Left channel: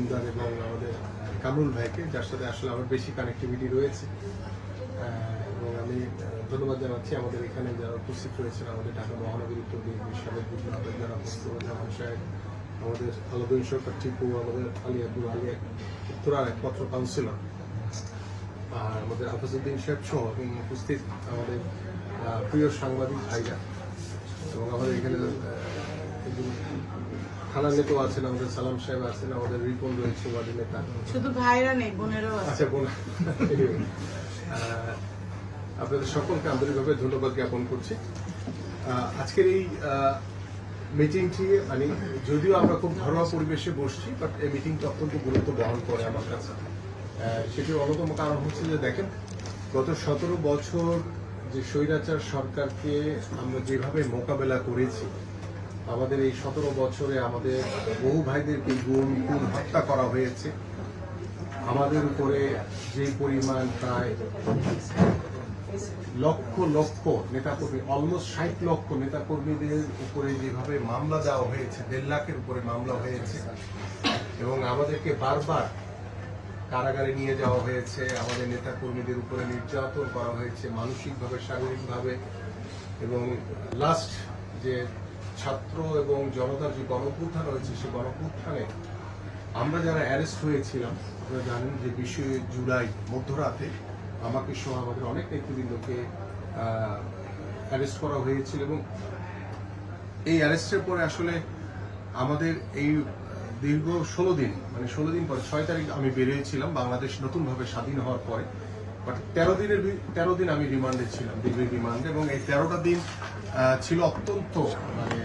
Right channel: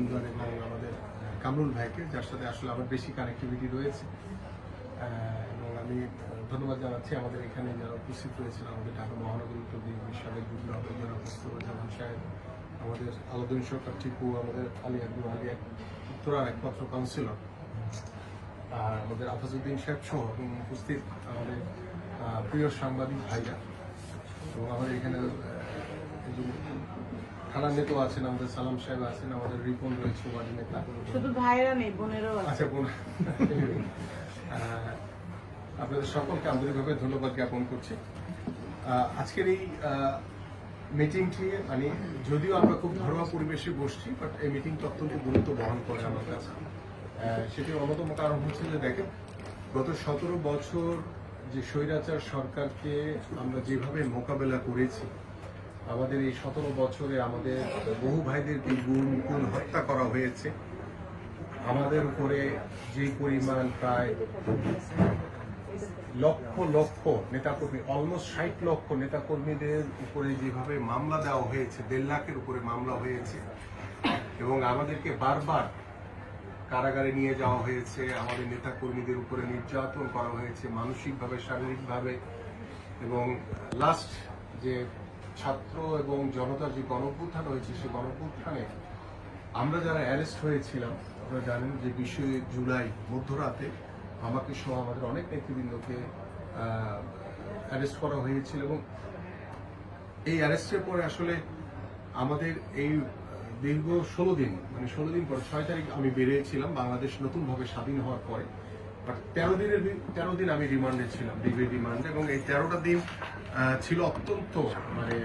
মজুমদার এবং আমাদের কামরুল ভাইকে, যার সাথে আসলে আমার বেশি কানেক্টিভিটি রয়েছে। এবং আমি ধন্যবাদ জানাচ্ছি আমাদের এখানে যারা উপস্থিত রয়েছেন, আমাদের ঢাকা মহানগর উত্তর বিএনপির সাবেক যুগ্ম আহ্বায়ক যারা মোস্তফা সাহেব, আমাদের আলাউদ্দিন সরকার টিপু, আমাদের আলী আব্দুল আলিয়া উত্তরার একমাত্র কাউন্সিলর, আর আমাদের আফাজউদ্দিন সাহেব সহ এবং উপস্থিত আমাদের প্রিয় সাংবাদিক ভাইরা, এবং আমাদের এখানে একজন থানা নেতাও আছেন, আমাদের সালাম সাহেব আছেন, আমাদের রিপন রয়েছে ওয়ার্ডের নেতা। শুধু ভাইরা নেই, বোনেরও আছে। আচ্ছা, বোন। আপনাদের সকলকে আন্তরিকভাবে ধন্যবাদ জ্ঞাপন করছি। আজকের এই মিটিংটি মানে যদিও আমরা খুব ঘরোয়া পরিবেশে বসছি, বাট এই মিটিংটা অত্যন্ত গুরুত্ব বহন করে আমার কাছে। সেটির অন্যতম কারণ হচ্ছে যে দেখেন, গত 17 বছর যে স্বৈরাচার সরকারকে আমরা যেভাবে মোকাবেলা করেছি, আমাদের এই 17 বছরে আমাদের বহু ভাইদেরকে গুম খুন হত্যা করা হয়েছে। আমাদের উপরে যে পরিমাণ প্রায় লক্ষ লক্ষ নেতাকর্মী, অলমোস্ট 60 লক্ষ নেতাকর্মীদের উপরে যেভাবে মামলা দেওয়া হয়েছে, 1.5 লাখের উপরে মামলা হয়েছে, এবং আমাদেরকে বারবার কারাগারে নিয়ে যাওয়া হয়েছে, আমাদের নেতাকর্মীদের উপরে নির্যাতন করা হয়েছে মানসিকভাবে, শারীরিকভাবে, এবং লাস্ট যে ছাত্র এবং জনতার যে গণঅভ্যুত্থান হয়েছে, সেই গণঅভ্যুত্থানে আমরা যারা অ্যারেস্ট হয়েছিলাম, আপনারা জানেন যে 20 জুলাই মধ্যরাতে আমাকে সহ আমাদের অনেক নেতৃবৃন্দকে অ্যারেস্ট করা হয়েছিল, এবং এই অ্যারেস্টের পরে আসলে আমাদের এই দীর্ঘ 16 দিন, মানে 16 দিন পরে 6 তারিখ আমি বেরিয়েছিলাম বাংলাদেশ নতুনভাবে স্বাধীন হওয়ার পরে, বাট 13 দিন আমি রিমান্ডে ছিলাম, ডিগ্রি রিমান্ডে, এবং এই 13টা দিন ছিল অত্যন্ত মানে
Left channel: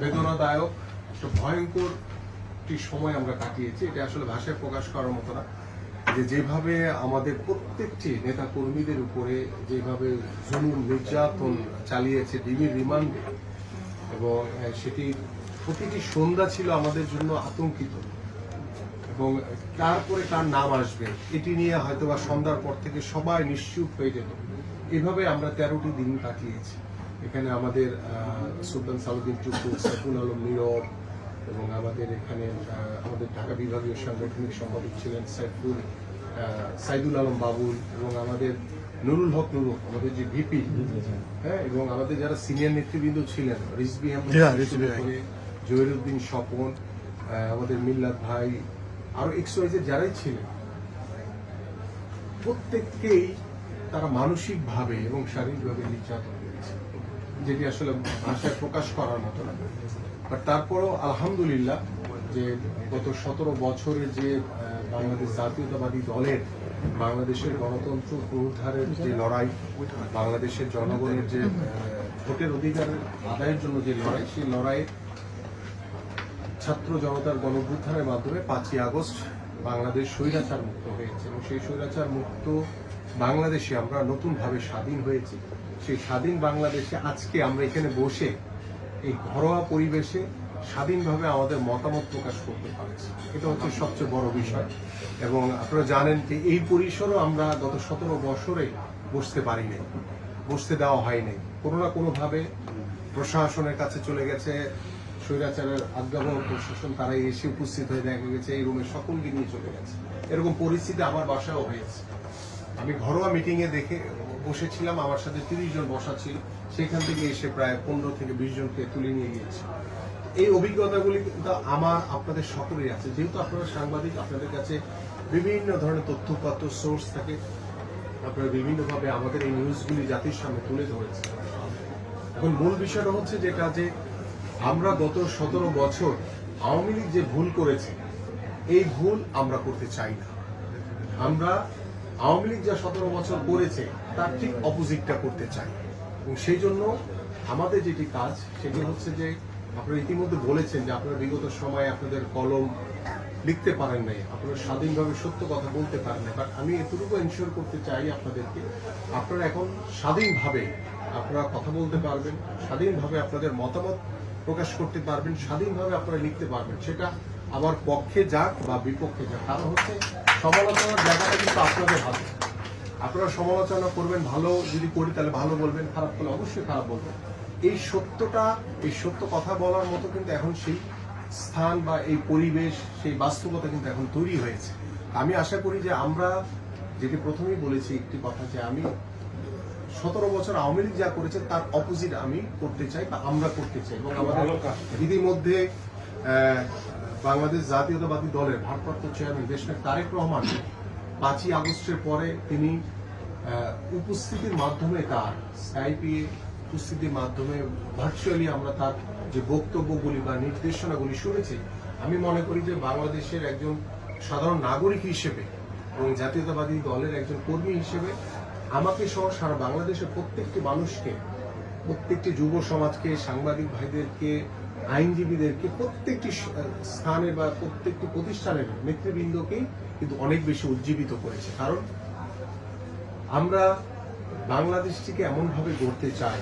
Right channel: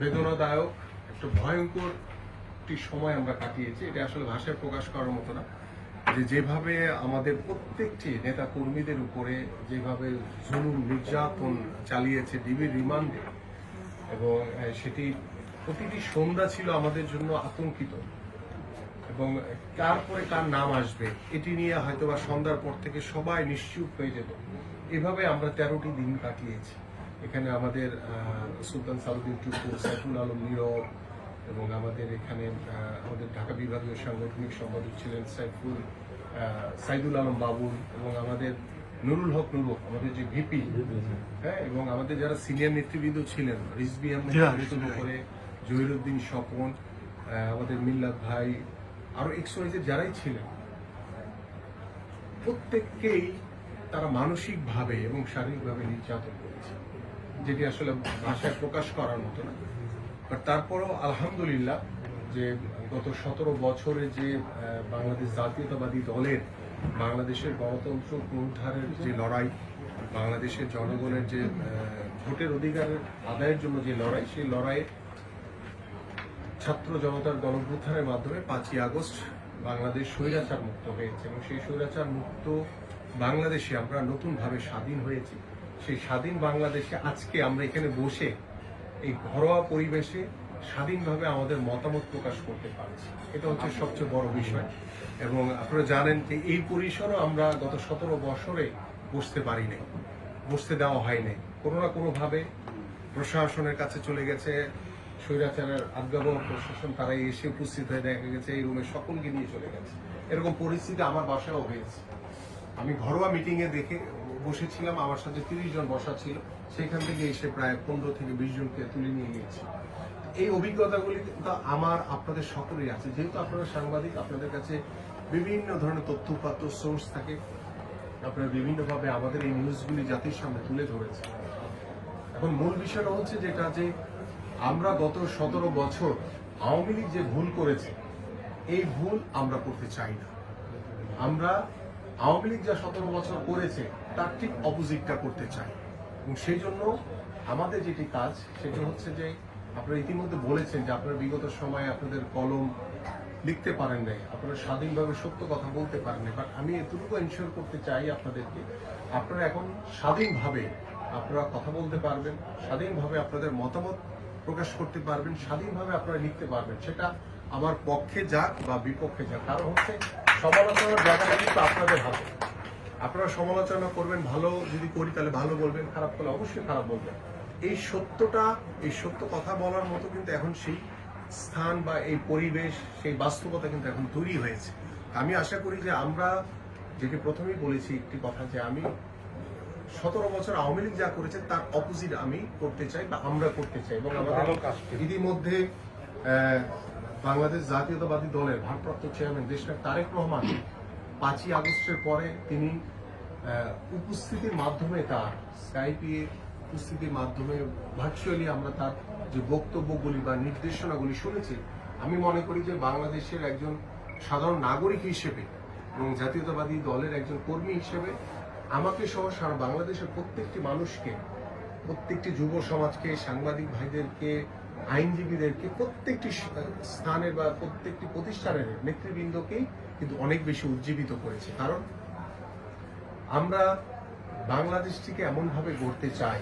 বেদনাদায়ক, একটা ভয়ঙ্কর একটি সময় আমরা কাটিয়েছি। এটা আসলে ভাষায় প্রকাশ করার মতো না, যে যেভাবে আমাদের প্রত্যেকটি নেতা কর্মীদের উপরে যেভাবে জুলুম নির্যাতন চালিয়েছে ডিবির রিমান্ডে, এবং সেটি প্রতিটি সন্ধ্যা ছিল আমাদের জন্য আতঙ্কিত, এবং তারপরে কার নাম আসবে এটি নিয়ে হয়তোবা সন্ধ্যার পর থেকে সবাই নিশ্চুপ হয়ে যেত। এভাবে আমরা 13টি দিন কাটিয়েছি। এখানে আমাদের সুলতান সালাউদ্দিন টুকু, সাইফুল আলম নীরব, এবং আমাদের এখানে আমাদের ঢাকা বিভাগীয় সাংগঠনিক সম্পাদক ছিলেন সাইদুল আলম বাবুল, এবং আমাদের নুরুল হক নুরু, আমাদের যে ভিপি, হ্যাঁ, এবং আমাদের যারা সিনিয়র নেতৃবৃন্দ ছিলেন, রিজভি আহমেদ, জহিরুদ্দিন স্বপন, আমাদের মিল্লাত ভাই, আরো এক্সওয়াইজের যারাই ছিলেন, প্রত্যেককেই তারা মানসিকভাবে এবং শারীরিকভাবে নির্যাতন করেছে, যেটি আসলে ভাষায় প্রকাশ করার মতো না। বাট তারপরও আলহামদুলিল্লাহ, যে গত 17 বছরে যে বাংলাদেশ জাতীয়তাবাদী দলের বাংলাদেশের গণতন্ত্র পুনরুদ্ধারের যে লড়াই, বাংলাদেশের জনগণের যে ভোটের অধিকার আদায়ের জন্য যে লড়াই, সেই লড়াইয়ে ছাত্র জনতার গণঅভ্যুত্থানের মাধ্যমে 5ই আগস্ট বাংলাদেশ স্বৈরাচার মুক্ত হয়েছে, এবং সেই স্বৈরাচার মুক্ত বাংলাদেশে আমরা নতুনভাবে স্বাধীন হয়েছি। সেই স্বাধীন বাংলাদেশে আজকে আমরা এখানে বসে এই ঘরোয়া পরিবেশে স্বাধীনভাবে আমাদের মতামত প্রকাশ করতে পারছি, এটা হচ্ছে সবচেয়ে বড় বিষয়। এবং আপনারা জানেন যে এই পরিসরও আমরা গত 17 বছরে বসতে পারি নাই, বসতে দেওয়া হয় নাই, কোনো না কোনোভাবে প্রশাসনের কাছে চলে গেছে, স্বৈরাচারের আজ্ঞাবহ প্রশাসন, তারাই এসে উপস্থিত হয়ে দেখা গেছে এই রুমে সকলকে নিয়ে চলে গেছে। এরকম পরিস্থিতি আমার বাসায়ও হয়েছে। আমি ঘরোয়া মিটিং এ দেখে বসেছিলাম, আমার সাথে 30 জন বসা ছিল, সেখান থেকে এসে প্রায় 15 থেকে 20 জনকে তুলে নিয়ে গিয়েছি। এই অভিজ্ঞতাগুলি কিন্তু আমার আপনাদের সকলেই আছে, যেহেতু আপনারা সাংবাদিক, আপনাদের কাছে বিভিন্ন ধরনের তথ্যপাত্র সোর্স থাকে, আপনারা বিভিন্নভাবে আমাদের এই নিউজগুলি জাতির সামনে তুলে ধরেছেন। এখন মূল বিষয়টা হচ্ছে যেটা, যে আমরা গত 17 বছর আওয়ামী লীগ যে ভুল করেছে, এই ভুল আমরা করতে চাই না। আমরা আওয়ামী লীগ যা 17 বছর করেছে তার ঠিক অপোজিটটা করতে চাই, এবং সেই জন্য আমাদের যেটি কাজ সেটি হচ্ছে যে, আপনারা ইতিমধ্যে বলেছেন যে আপনারা বিগত সময়ে আপনাদের কলম লিখতে পারেন নাই, আপনারা স্বাধীনভাবে সত্য কথা বলতে পারেন নাই, বাট আমি এতটুকু এনশিওর করতে চাই আপনাদেরকে, আপনারা এখন স্বাধীনভাবে আপনারা কথা বলতে পারবেন, স্বাধীনভাবে আপনাদের মতামত প্রকাশ করতে পারবেন, স্বাধীনভাবে আপনারা লিখতে পারবেন। সেটা আমার পক্ষে যাক বা বিপক্ষে যাক, কারণ হচ্ছে সমালোচনার জায়গাটা কিন্তু আপনাদের হাতে। আপনারা সমালোচনা করবেন, ভালো যদি করি তাহলে ভালো বলবেন, খারাপ করলে অবশ্যই খারাপ বলবেন। এই সত্যটা, এই সত্য কথা বলার মতো কিন্তু এখন সেই স্থান বা এই পরিবেশ, সেই বাস্তবতা কিন্তু এখন তৈরি হয়েছে। আমি আশা করি যে আমরা, যেটি প্রথমেই বলেছি একটি কথা, যে আমি 17 বছর আওয়ামী লীগ যা করেছে তার অপোজিট আমি করতে চাই বা আমরা করতে চাই। এবং আমাদের ইতিমধ্যে বাংলাদেশ জাতীয়তাবাদী দলের ভারপ্রাপ্ত চেয়ারম্যান দেশনায়ক তারেক রহমান 5ই আগস্টের পরে তিনি উপস্থিতির মাধ্যমে, তার স্কাইপে উপস্থিতির মাধ্যমে ভার্চুয়ালি আমরা তার যে বক্তব্যগুলি বা নির্দেশনাগুলি শুনেছি, আমি মনে করি যে বাংলাদেশের একজন সাধারণ নাগরিক হিসেবে এবং জাতীয়তাবাদী দলের একজন কর্মী হিসেবে আমাকে সহ সারা বাংলাদেশের প্রত্যেকটি মানুষকে, প্রত্যেকটি যুব সমাজকে, সাংবাদিক ভাইদেরকে, আইনজীবীদেরকে, প্রত্যেকটি স্থানের বা প্রত্যেকটি প্রতিষ্ঠানের নেতৃবৃন্দকেই কিন্তু অনেক বেশি উজ্জীবিত করেছে। কারণ আমরা বাংলাদেশটিকে এমনভাবে গড়তে চাই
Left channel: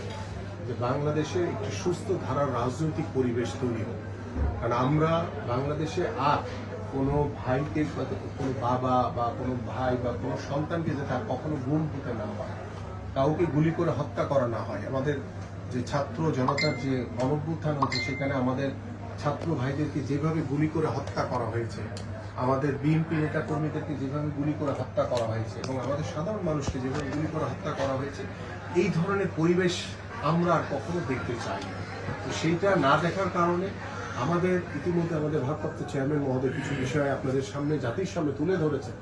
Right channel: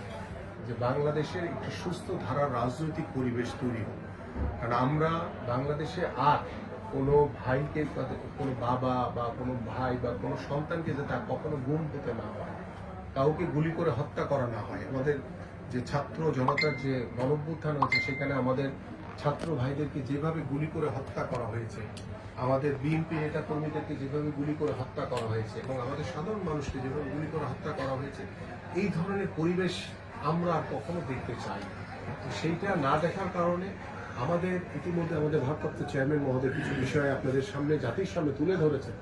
যে বাংলাদেশের একটি সুস্থ ধারার রাজনৈতিক পরিবেশ তৈরি হোক। কারণ আমরা বাংলাদেশে আর কোনো ভাইকে, কোনো বাবা বা কোনো ভাই বা কোনো সন্তানকে যাতে আর কখনো গুম হতে না হয়, কাউকে গুলি করে হত্যা করা না হয়। আমাদের যে ছাত্র জনতার যে গণঅভ্যুত্থান হচ্ছে, সেখানে আমাদের ছাত্র ভাইদেরকে যেভাবে গুলি করে হত্যা করা হয়েছে, আমাদের বিএনপি নেতা কর্মীদেরকে যেভাবে গুলি করে হত্যা করা হয়েছে, এবং আমাদের সাধারণ মানুষকে যেভাবে গুলি করে হত্যা করা হয়েছে, এই ধরনের পরিবেশ আমরা আর কখনো দেখতে চাই না। সেইটা না দেখার কারণে আমাদের ইতিমধ্যে আমাদের ভারপ্রাপ্ত চেয়ারম্যান মহোদয় কিছু বিষয় আপনাদের সামনে, জাতির সামনে তুলে ধরেছেন,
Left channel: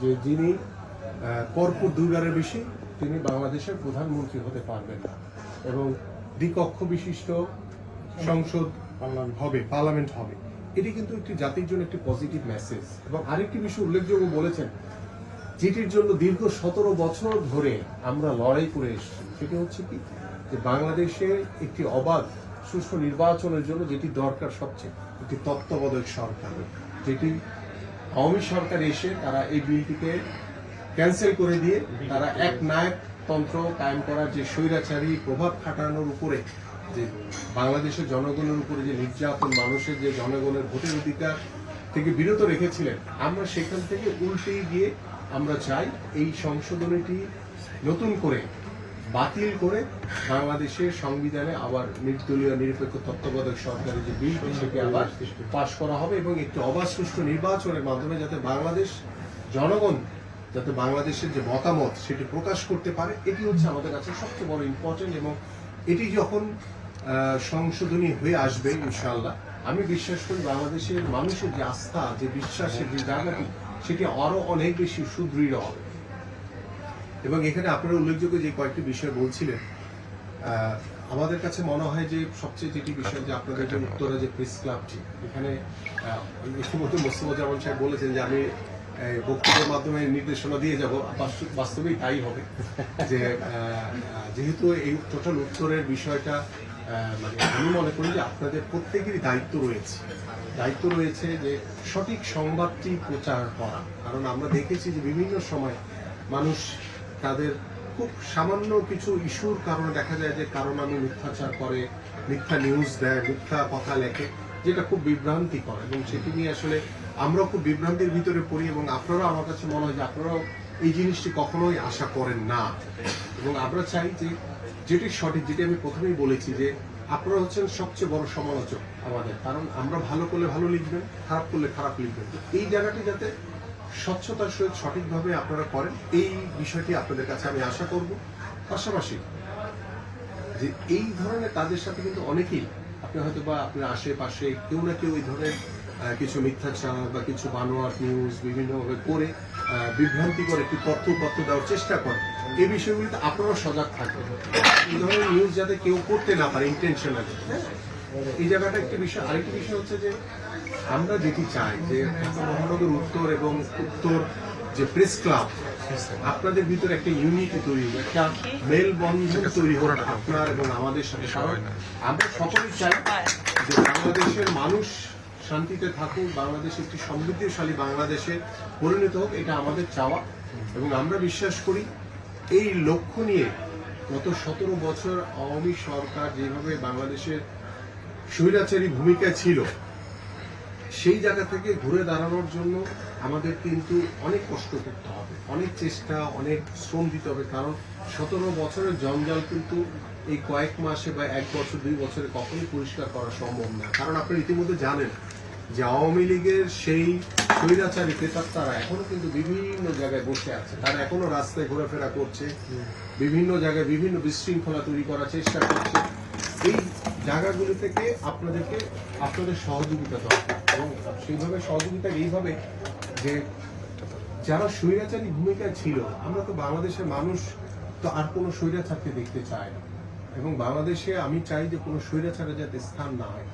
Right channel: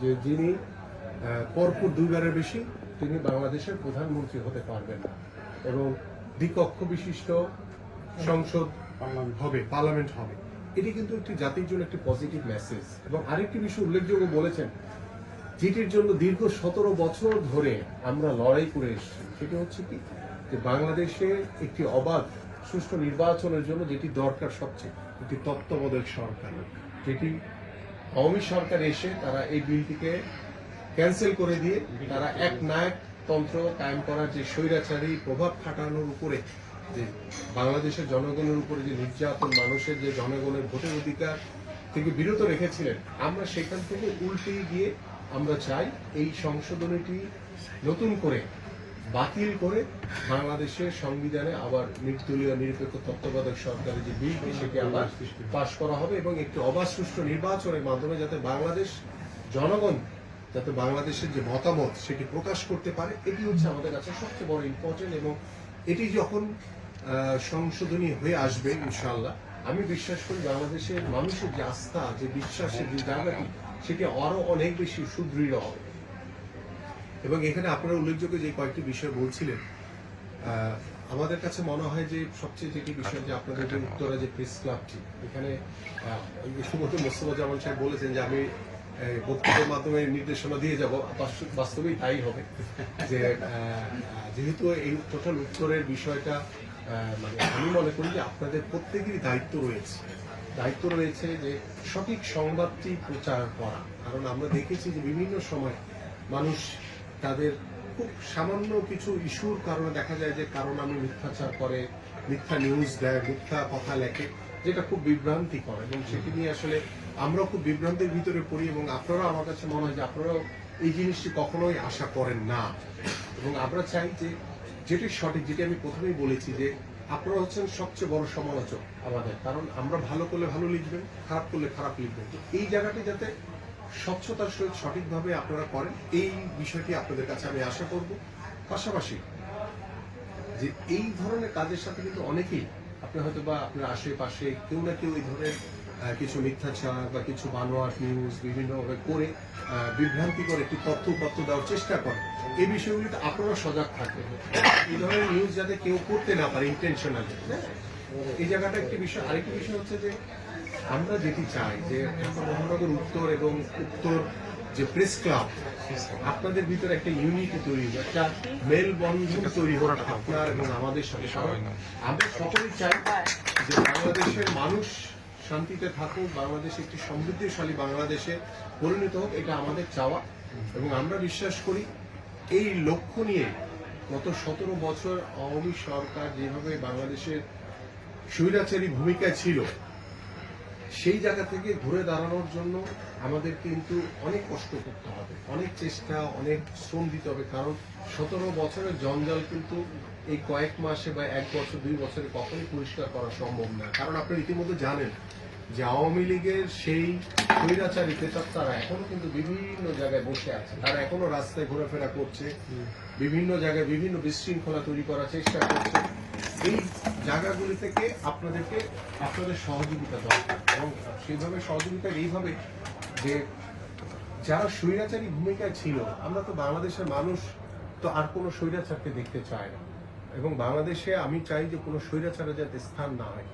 যে যিনি পরপর 2বারের বেশি তিনি বাংলাদেশের প্রধানমন্ত্রী হতে পারবেন না, এবং দ্বিকক্ষ বিশিষ্ট সংসদ হবে, পার্লামেন্ট হবে। এটি কিন্তু একটি জাতির জন্য একটি পজিটিভ মেসেজ। এবং আরেকটি বিষয় উল্লেখযোগ্য বলেছেন, যেটির জন্য দীর্ঘ 17 বছর ধরে আমরা লড়াই করে এসেছি, সেটি হচ্ছে কি, যে বাংলাদেশে একটি অবাধ সুষ্ঠু নির্বাচনের জন্য যেটি দরকার সবচেয়ে, একটি তত্ত্বাবধায়ক সরকার, যেটি আওয়ামী সরকার এসে তারা এই বিলটিকে ক্যান্সেল করে দিয়ে তারা এক নায়ক তন্ত্র কায়েম করার যে স্বৈরাচারী প্রভাব খাটানোর উপরে, যে বাংলাদেশের জনগণের উপরে যে নির্যাতন, মানুষের যে জনগণের ভোটের অধিকার থেকে বিরত রেখেছিলেন, আমরা সেখান থেকে উল্টে গিয়ে আমরা চাই এই সংশোধনীটি নতুন করে বাতিল করে বাংলাদেশের সংবিধানে আবার নির্দলীয় নিরপেক্ষ তত্ত্বাবধায়ক সরকারের যে বিল, সেটি আবার পাশ করা হবে, এবং একটি অবাধ সুষ্ঠু নির্বাচনের মাধ্যমে যাতে বাংলাদেশ জনগণ যাতে বাংলাদেশের যে মতামত সেটি প্রকাশ করতে পারে, এটি হচ্ছে আমাদের কাছে সবচেয়ে বড় ইম্পর্টেন্ট। এবং এটি যখন সংশোধনী হয়ে আসবে ইনশাআল্লাহ, আমি বিশ্বাস করি বাংলাদেশের মানুষের যে আস্থা, যে বিশ্বাসের যে জায়গাটি, সেটি আরো অনেক বেশি সুদৃঢ় হবে। এবং এখানে আপনারা উল্লেখযোগ্য যে কয়েকটি বিষয় বলছিলেন, আমাদের কাছে মনে হয় যে সবচেয়ে যেটি বিষয়, যে আপনাদের যে উত্তরা যে প্রেস ক্লাবটি, এখানে ইতিমধ্যে মোস্তফাজ্জামান সাহেব বলেছেন যে আমি বক্তব্যের মাধ্যমে নির্দেশনা দিয়ে যাব, বাস্তবেই তাই হবে। যে যেহেতু এই টোটাল উত্তরের বিষয়টা, মানে আমি মনে করি যে আপনাদের প্রত্যেকেরই দায়িত্ব রয়েছে যে সঠিক সংবাদটি প্রচার করা। কারণ আমরা দেখেছি যে বিভিন্ন সময় মানুষ তাদের খুব সামান্য কিছু ইস্যুর কারণে দেখা যায় যে কারণ আমি মিথ্যাচার করে, মিথ্যা নিউজ দেয়, মিথ্যা কথা লেখে, যেটা খুব বিভ্রান্তি করে, এবং সেটি নিয়ে আসলে আমরা খুব বিভ্রান্তির ভিতরে পড়ি। এবং আপনারা, আমার কাছে মনে হয় যে আপনারাও এই জিনিসটি কখনোই আশা করেন না। এবং আমরা চাই যে যেটি সঠিক, যেটি আমি প্রথমেই বলেছি, যে আপনারা হচ্ছেন সবচেয়ে বড় সমালোচক আমাদের। কারণ আমরা ভালো করলে ভালো লিখবেন, খারাপ করলে খারাপ লিখবেন। তো এই জায়গাটি যাতে স্বচ্ছতার সহিত সঠিকভাবে আপনারা করেন, এই বিষয়টি আপনাদের কাছে আমি আশা করব। পাশাপাশি যে এই ধরনের কাজের সাথে কিন্তু অনেকেই, আপনি হয়তো বা আপনার আশেপাশে কেউ না কেউ এই ধরনের কিছু মিথ্যাচার বা কিছু বানোয়াট নিউজ বিভিন্নভাবে করে বিভ্রান্তি করে একটি তথ্য দেওয়ার চেষ্টা করে। এই বিষয়গুলিতে আপনারা সজাগ থাকবেন, এই ধরনের নিউজ যাতে কেউ করতে না পারে ইন্টেনশনালি। এই জায়গাটা একটি বিষয়। আরেকটি বিষয় হচ্ছে যে আমরা যেটি চাই যে মহানগর উত্তর এবং উত্তর যে প্রেস ক্লাব, আপনাদের ভিতরে একটা ইউনিটি তৈরি হবে, একটা মেলবন্ধন তৈরি হবে আপনার এবং আমাদের সাথে। আমরা সকলেই চাই যে বাংলাদেশের মানুষ শান্তিতে থাকুক, বাংলাদেশ একটি সমৃদ্ধশালী বাংলাদেশে পরিণত হোক, এটা আমাদের চাওয়া। এবং আমরা বিশ্বাস করি এই লক্ষ্য নিয়ে গত 17 বছর আওয়ামী সরকার যেভাবে বাংলাদেশের স্বৈরাচারী ভূমিকা ছিল, সেই জায়গা থেকে ঘুরে দাঁড়ানোর জন্য আমাদের কিন্তু অনেক কষ্ট করতে হবে, অনেক চেষ্টা, অনেক শ্রম দিতে হবে। কারণ 17 বছরের জঞ্জাল কিন্তু এই কয়েক মাসে বা 1 বছর 2 বছরে কখনোই পরিষ্কার করা সম্ভব না। কারণ আপনি ইতিমধ্যে জানেন যে আওয়ামী লীগের সেই স্বৈরাচারী প্রেতাত্মারা এখনো কিন্তু বিভিন্ন জায়গায় বসে আছে, তারা এখনো রাস্তায় ঘোরাফেরা করছে, বিভিন্ন জায়গায় বিভিন্ন বিশৃঙ্খলা তৈরি করার চেষ্টা করছে। এই জায়গাগুলি থেকে আপনাদের সহযোগিতা দরকার, এবং সেইভাবে সহযোগিতা এইভাবে যে যারা স্বৈরাচারী ভূমিকায় ছিল, আমরা তো বাংলাদেশের মানুষ তো আর কোনো স্বৈরাচারকে দেখতে চায় না, এবং বাংলাদেশে আমি চাই যে কোনো স্বৈরাচারের যাতে স্থান না হয়।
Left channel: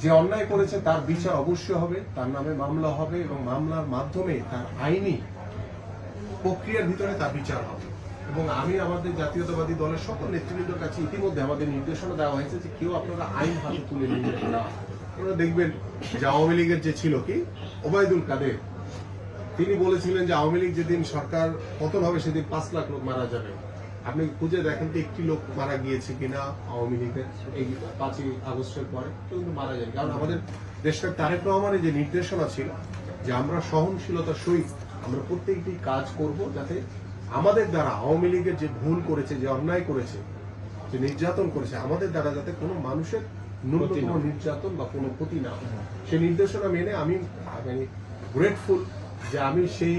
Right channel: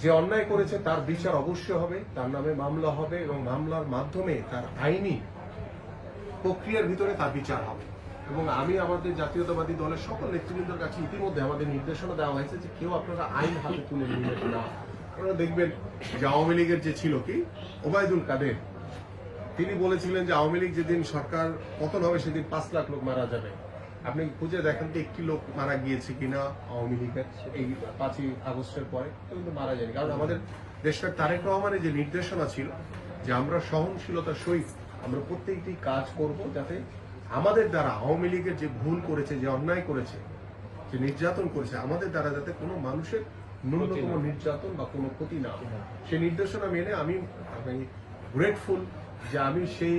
যে অন্যায় করেছে তার বিচার অবশ্যই হবে, তার নামে মামলা হবে, এবং মামলার মাধ্যমে তার আইনি প্রক্রিয়ার ভিতরে তার বিচার হবে। এবং আমি আমাদের জাতীয়তাবাদী দলের সকল নেতৃবৃন্দের কাছে ইতিমধ্যে আমাদের নির্দেশনা দেওয়া হয়েছে যে কেউ আপনারা আইন হাতে তুলে নেবেন না। আপনারা দেখবেন যে আওয়ামী লীগের যে ছিল কি ওবায়দুল কাদের, তিনি বলেছিলেন যে আওয়ামী লীগ যেদিন সরকার পতন হবে সেদিন 5 লাখ লোক মারা যাবে। আপনি খুঁজে দেখেন তো একটি লোক মারা গিয়েছে কিনা আওয়ামী লীগের এই 5ই আগস্টের পরে, কিন্তু মারা যায়নি। কারণ আমাদের দেশটা তারেক রহমানের যে নির্দেশনা ছিল যে আমরা সহনশীলতার সহিত আমরা প্রত্যেকটি কাজ করব, যাতে আমাদের দ্বারা আওয়ামী লীগের যে ভুল করেছে, যে অন্যায় করেছে, যে নির্যাতন করেছে, আমাদের দ্বারা যাতে কোনো মানুষের ন্যূনতম নির্যাতন বা কোনো ক্ষতি না হয়। সেই নির্দেশনা মেনে আমি গ্রেটফুল যে আমি সেই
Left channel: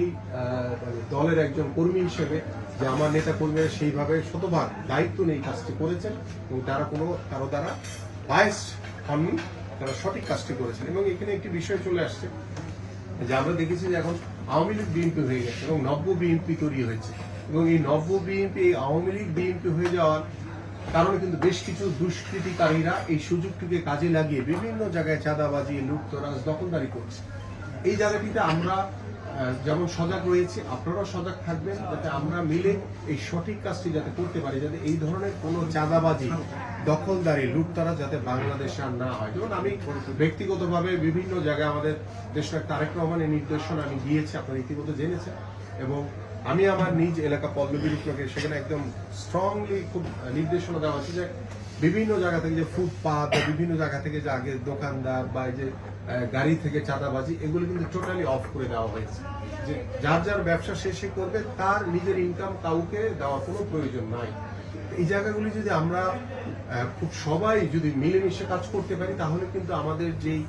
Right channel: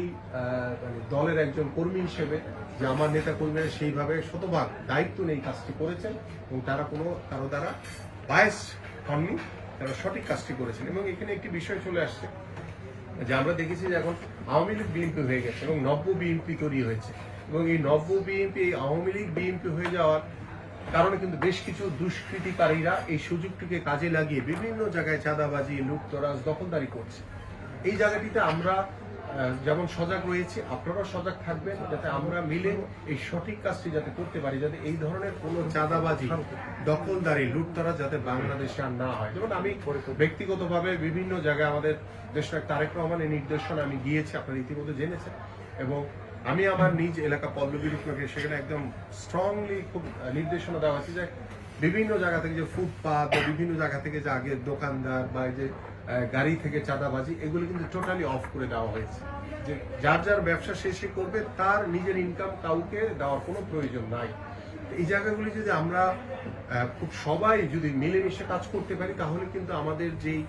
দলের একজন কর্মী হিসেবে যে আমার নেতা কর্মীরা সেইভাবে শতভাগ দায়িত্ব নিয়ে কাজটি করেছেন, এবং তারা কারো দ্বারা বায়াসড হননি, তারা সঠিক কাজটি করেছেন। এবং এখানে একটি বিষয় চলে আসছে যে আমরা দেখেছি যে এখন আওয়ামী লীগ বিএনপি হয়ে গেছে এবং নব্য বিএনপি তৈরি হয়েছে, এবং এই নব্য বিএনপি এই আওয়ামী লীগ বিএনপি হয়ে যাওয়ার কারণে কিন্তু বেশ কিছু দুষ্কৃতিকারীরা এই সুযোগটিকে কাজে লাগিয়ে বিভিন্ন জায়গায় চাঁদাবাজি, লুটতরাজ, দখলদারি করছে। এই জায়গাটিতে আমরা যেমন সজাগ রয়েছে, আপনারাও সজাগ থাকবেন, যাতে আমরা মিলে এই সঠিক কাজটি যাতে করতে পারি, যাতে এই ধরনের কোনো চাঁদাবাজি, দখলদারি, লুটতরাজ যাতে বাংলাদেশে আর না হয়। যেমন আমি ব্যক্তিগতভাবে বিভিন্ন জায়গায় আমাদের দেশনায়ক তারেক রহমানের নির্দেশনা আমি গিয়েছি, আপনারা ইতিমধ্যে জেনেছেন, এবং আমি আমার নিজ এলাকা পল্লবী রূপনগরে সেখানে একদম স্ট্রংলি খুব নির্দেশনা দেওয়া হচ্ছে যে বিভিন্ন জায়গা থেকে যে ফুটপাথ বা বিভিন্ন জায়গা থেকে যে আগে দোকানদার বা যে গাড়ি থেকে চাঁদাবাজি, এগুলো কিন্তু টোটালি অফ করে দেওয়া হয়েছে। যে যার যার ব্যবসা শেষে করবে, তার নিজের ইনকাম কাউকে দেওয়ার কোনো প্রয়োজন নাই। এই জায়গাগুলি যদি আমরা খুব সবাই যদি মিলেমিশে কাজ করতে পারি, তাহলে কিন্তু আমাদের যেই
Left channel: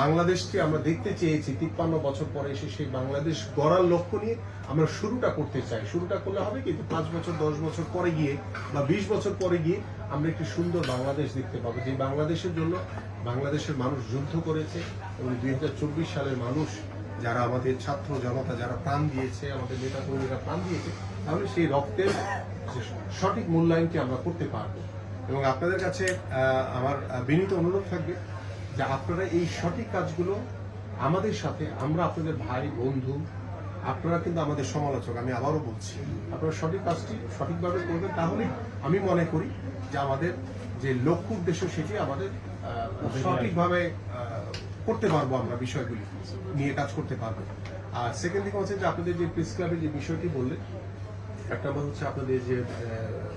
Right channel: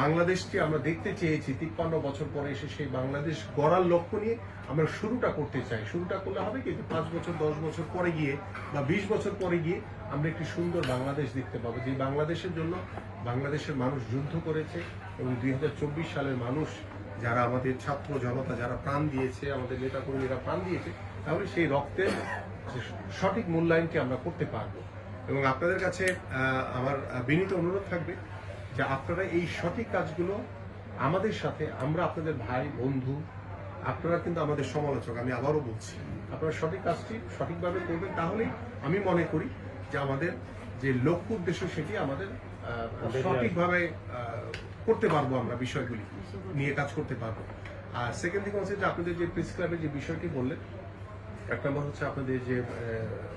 বাংলাদেশটি আমরা দেখতে চেয়েছি 53 বছর পরে এসে, সেই বাংলাদেশ গড়ার লক্ষ্য নিয়ে আমরা শুরুটা করতে চাই। শুরুটা করলে হবে কিন্তু 5 বছর 10 বছর পরে গিয়ে বা 20 বছর পরে গিয়ে আমরা একটি সুন্দর বাংলাদেশ দেখতে পাবো, যে বাংলাদেশের জন্য বাংলাদেশের মানুষ যুদ্ধ করেছে, এবং 2024 সালের মানুষ যারা আমাদের ছাত্র জনতা যারা প্রাণ দিয়েছে, আমাদের নেতা কর্মীরা প্রাণ দিয়েছে, তাহলে সেই রক্তের সঠিক মূল্যায়নটি আমরা করতে পারবো। এবং আপনাদের কাছে আমার বিনীত অনুরোধ থাকবে যে আপনারা এই সঠিক কাজগুলো আমাদের সাথে, আমরা আপনাদের ভাই বন্ধু, আপনারা কিন্তু আমাদের সমালোচক, আমি আবারও বলছি, আপনারা সঠিক কাজটি সঠিকভাবে করবেন, তাহলেই আমি মনে করি যে আমাদের যে লক্ষ্য উদ্দেশ্য সেটি আমাদের সঠিকভাবে করতে পারবো, আমরা বিষয়গুলি নিয়ে কাজ করতে পারবো। আর সেকেন্ড দিকে হচ্ছে যে আপনাদের যে প্রেস ক্লাবের যে বিষয়টি বললেন, এক নম্বর হচ্ছে আপনাদের যে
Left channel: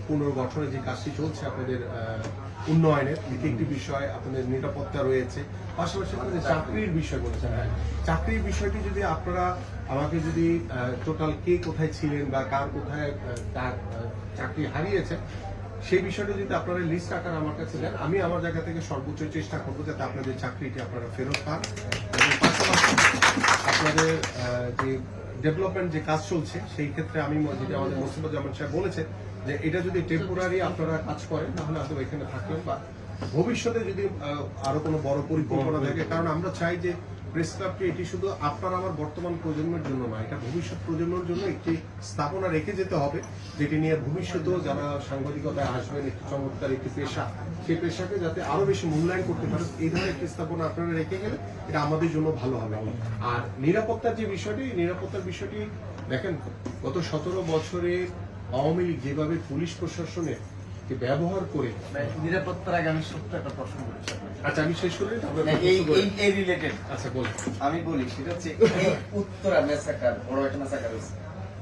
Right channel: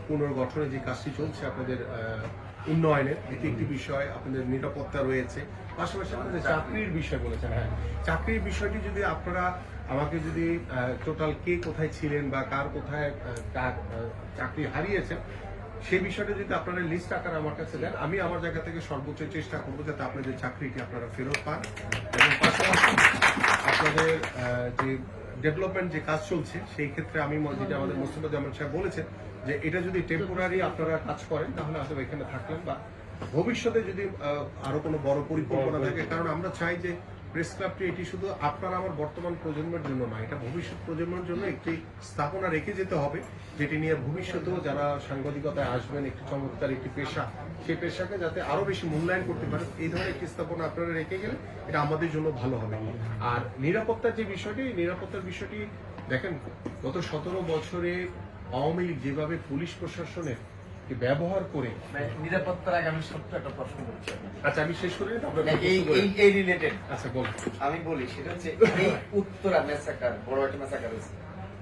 পুনর্গঠনের যে কাজটি চলছে, আপনাদের উন্নয়নের একটি বিষয়, আপনাদের নিরাপত্তা রয়েছে, পাশাপাশি আপনাদের চাকরির বিষয় বলেছেন। হ্যাঁ, চাকরির বিষয়টি যদি আপনারা আমাকে যদি টোটাল কে কোথায় ছিলেন বা কার কোথায় চাকরি হারিয়েছে, সেই বিষয়টা যদি আপনারা লিস্ট আকারে আমার কাছে দেন, আমি আমার জায়গা থেকে সর্বোচ্চ চেষ্টা করবো যাতে আপনাদের চাকরিটি আপনারা ফেরত পান। এবং পাশাপাশি আপনাদের যে ডেভেলপমেন্ট যে কাজ চলছে, সেই ক্ষেত্রে আমি যেটা আমাদের মোস্তফাজ্জামান সাহেব বলেছে যে এটা যদি টেম্পোরারি আপনারা কাজ করেন, তাহলে হয়তো এখানে থাকলেন, বা ভবিষ্যতে যদি আরো কোনো বড় পরিকল্পনা থাকে। কারণ আমরা চাই যে প্রেস ক্লাবটি এটি শুধু আপনার আমার বর্তমান প্রজন্মের জন্য নয়, এটা ভবিষ্যৎ প্রজন্মের জন্য একটি স্থাপনা রেখে যেতে হবে, যেটি নিয়ে ভবিষ্যতেও যারা সাংবাদিকতায় আসবেন, একটি চমৎকার একটি পেশা, সেই পেশাকে যাতে আরো বেশি মূল্যায়ন করতে পারে, এই ধরনের একটি স্থাপনা আপনারা রেখে গেলে এটা আমাদের জন্য ভালো হবে। আর নিরাপত্তার যে বিষয়টি, নিরাপত্তার বিষয়টি দেখেন, গত 17 বছরে আওয়ামী লীগ যেভাবে পুলিশ প্রশাসনের ব্যবহার করে, নিরাপত্তার আগে আমি সত্য একটা প্রশ্ন করছি। আচ্ছা আমি শেষ করি, এই রিলেটেড আচ্ছা বল। আমি বলি, সেটা হচ্ছে এই উত্তরা মেসাকার, বড় একটা মেসাকার হয়েছে।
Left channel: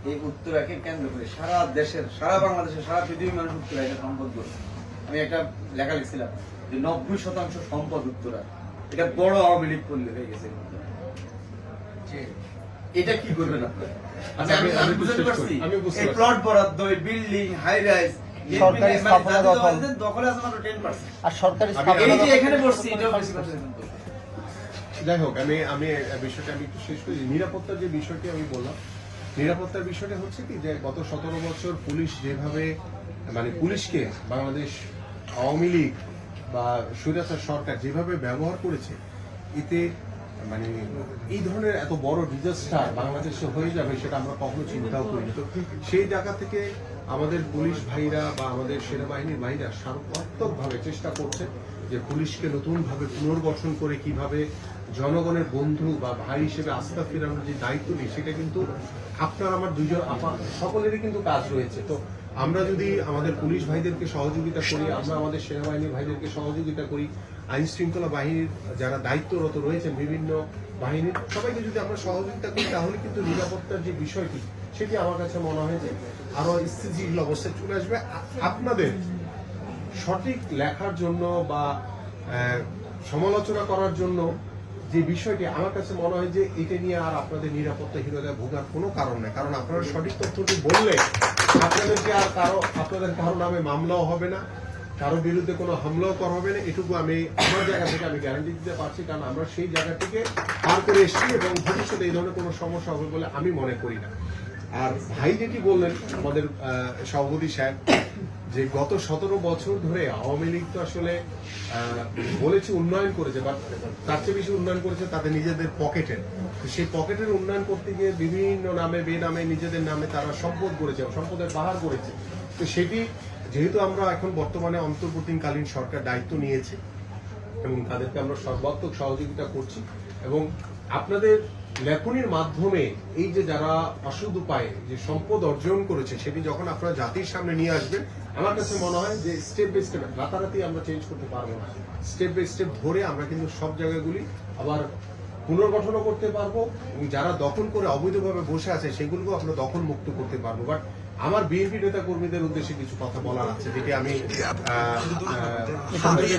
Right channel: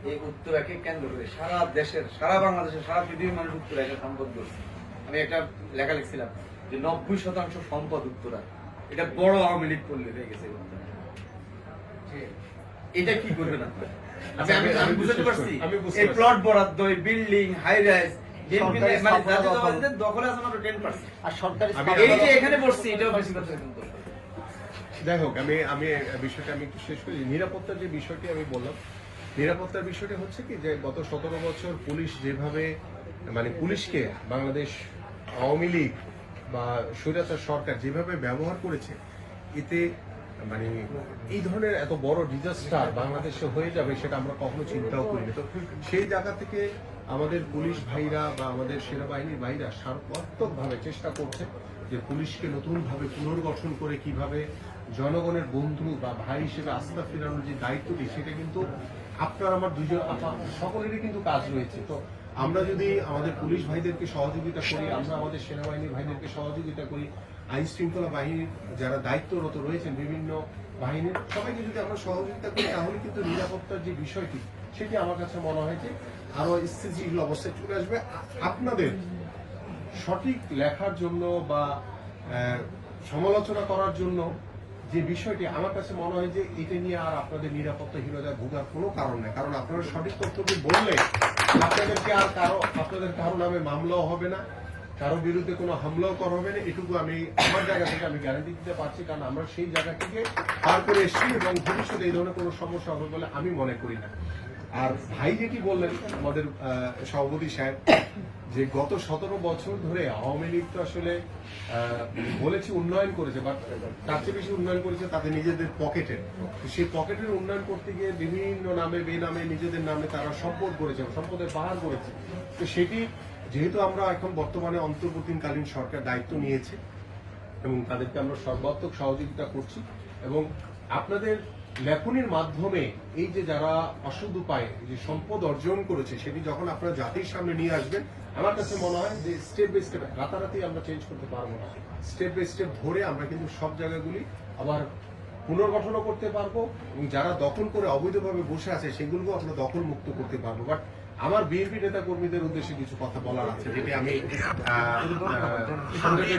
এই উত্তরাকে কেন্দ্র করে সারা দেশের, সারা বাংলাদেশের, সারা পৃথিবীর মানুষ উত্তরা এটা সম্পদ করেছে। আমি একটা লেখা লিখছিলাম যে 90% সম্পদ উত্তরা, এটা বড় আওয়ামী লীগ পল্লী হয়ে গেছে। এটা কি করবেন আপনারা? আচ্ছা, আমি বুঝতে পারছি এই প্লট বরাদ্দ, এই বিল্ডিং, হাই রাইজ দখলে আছে মাত্র 10%। আর সরকারি এই যে এখানে বসছি এটাও বেশি কথা কিন্তু। যাই হোক, আমি বিষয়টা আমি একটু শেষ করি। নিরাপত্তার যে বিষয়টি আমি বললাম, নিরাপত্তার বিষয়টা হচ্ছে কি যে গত 17 বছর পুলিশ যেভাবে মানে পুলিশকে বাংলাদেশ আওয়ামী লীগ বা স্বৈরাচার সরকার যেভাবে ব্যবহার করেছে, এতে মানে এই ধরনের এত বড় ডিজাস্টার বাংলাদেশে হয়ে যাবে সেটা আমরা কখনো চিন্তাও করিনি। তো সেই জায়গা থেকে আমাদের পুলিশ ভাইরা বা আমাদের সেনাবাহিনীর ভাইরা সার্বত্রিকভাবে চেষ্টা করছে যে পুলিশকে নতুনভাবে পুনর্গঠন করে কিভাবে জনগণের বন্ধু বা ভাই হিসেবে আস্থা ফেরানোর যে দায়িত্বটি, সেটা কিন্তু আপনার আমার দুইজন সকলেরই কিন্তু কাজ রয়েছে। তো আমরা যদি আমাদের পুলিশ ভাইদেরকে সহযোগিতা করি, আমরা আমাদের সেনাবাহিনীর ভাইদেরকে সহযোগিতা করি, আইন শৃঙ্খলা বাহিনীর যারা দায়িত্বরত রয়েছেন বিভিন্ন বাহিনীর সবাইকে যদি আমরা সহযোগিতা করি, তাহলে কিন্তু নিরাপত্তার যে বিষয়টি সেটি আমার কাছে মনে হয় যে আরো স্থিতিশীল অবস্থায় চলে আসবে। আপনাদের সঠিক লেখার জন্য বা সমালোচনা করার জন্য যে বিষয়টি আমার কাছে মনে হয় যে এটা নিয়ে আর আপনাদের নিরাপত্তাহীনতায় ভোগার কোনো কারণ নেই। কারণ আপনারা সঠিক তথ্যটি বললে আপনাদেরকে আর আপনাদের কারো নামে মামলাও হবে না, কারো বিরুদ্ধে কোনো হামলাও করা হবে না। এটুকু আমি আমার জায়গা থেকে আমি গ্যারান্টি দিতে পারছি, কারণ আমরা সেই জায়গাটিকে পার করে এসেছি এবং ভবিষ্যতে এই ধরনের কোনো সমস্যা হবে বলে আমি মনে করি না। আর ভাই যেটি বললেন আমাদের সভাপতি সাহেব, যে গত 17 বছর ধরে আওয়ামী লীগ তো আসলে বলেছে উন্নয়ন করেছে, বা তার চেয়ে বেশি উন্নয়ন করেছে তাদের নিজেদের পকেটের। সেই পকেটের উন্নয়ন করতে গিয়ে বিভিন্ন নামে বেনামে নিজেদের নামে তারা সম্পদ করেছে, সম্পদের পাহাড় করেছে। তো সেটি যেহেতু আমরা এখন বর্তমানে অন্তর্বর্তীকালীন সরকার দায়িত্ব নিয়েছে এবং তাদেরকে আমরা সর্বাত্মক সহযোগিতা করছি, এবং আপনাদের লেখনির মাধ্যমে এই যে যারা অসৎ উপায়ে যে সম্পদ অর্জন করেছে সেটি যখন আপনারা জাতির সামনে নিয়ে আসবেন, আমার কাছে মনে হয় যে স্টেপ বাই স্টেপ, রাতারাতি আমরা চেঞ্জ করতে পারবো না, স্টেপ বাই স্টেপ ধরে আমরা কিন্তু সব জায়গাগুলি আবার পুনর্গঠনও করতে পারবো এবং যারা দখল করে অবৈধভাবে বসে আছে সেগুলোকেও আমরা দখল মুক্ত করতে পারবো। বাট আমার বিএনপি নেতা কর্মীদের উদ্দেশ্যে কিছু কথা বলার আছে, যেটি আমি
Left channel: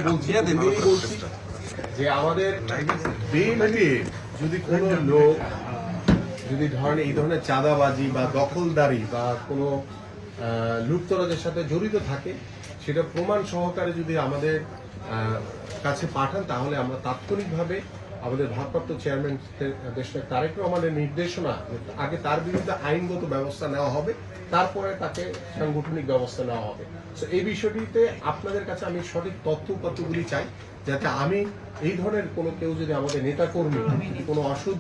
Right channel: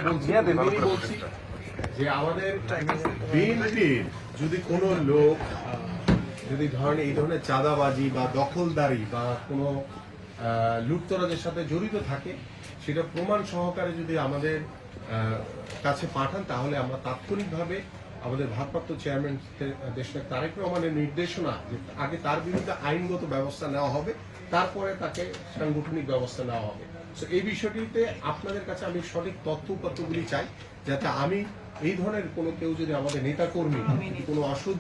বলছি যে আমাদের বিএনপি যদি কোনো লোক যদি ধরেন এই ধরনের চাঁদাবাজি বা দখলদারি বা কোনো লুটতরাজের সাথে জড়িত থাকে, সেটা প্রমাণ সহকারে যদি আমাদের কাছে পাঠান, তাহলে আমরা তাৎক্ষণিকভাবে আমাদের ভারপ্রাপ্ত চেয়ারম্যান দেশনায়ক তারেক রহমানের নির্দেশনা যে আগে তার বিরুদ্ধে আইনগত ব্যবস্থা নেওয়া হবে, তারপরে তাকে সাংগঠনিক ব্যবস্থা নেওয়া হবে। তো এই বিষয়টিতে আপনাদের কাছে আমি সঠিক তথ্য উপাত্তগুলি চাই, যাতে আমি এই ধরনের কোনো কেউ যদি আমাদের নেতাকর্মী যদি কোনো অসৎ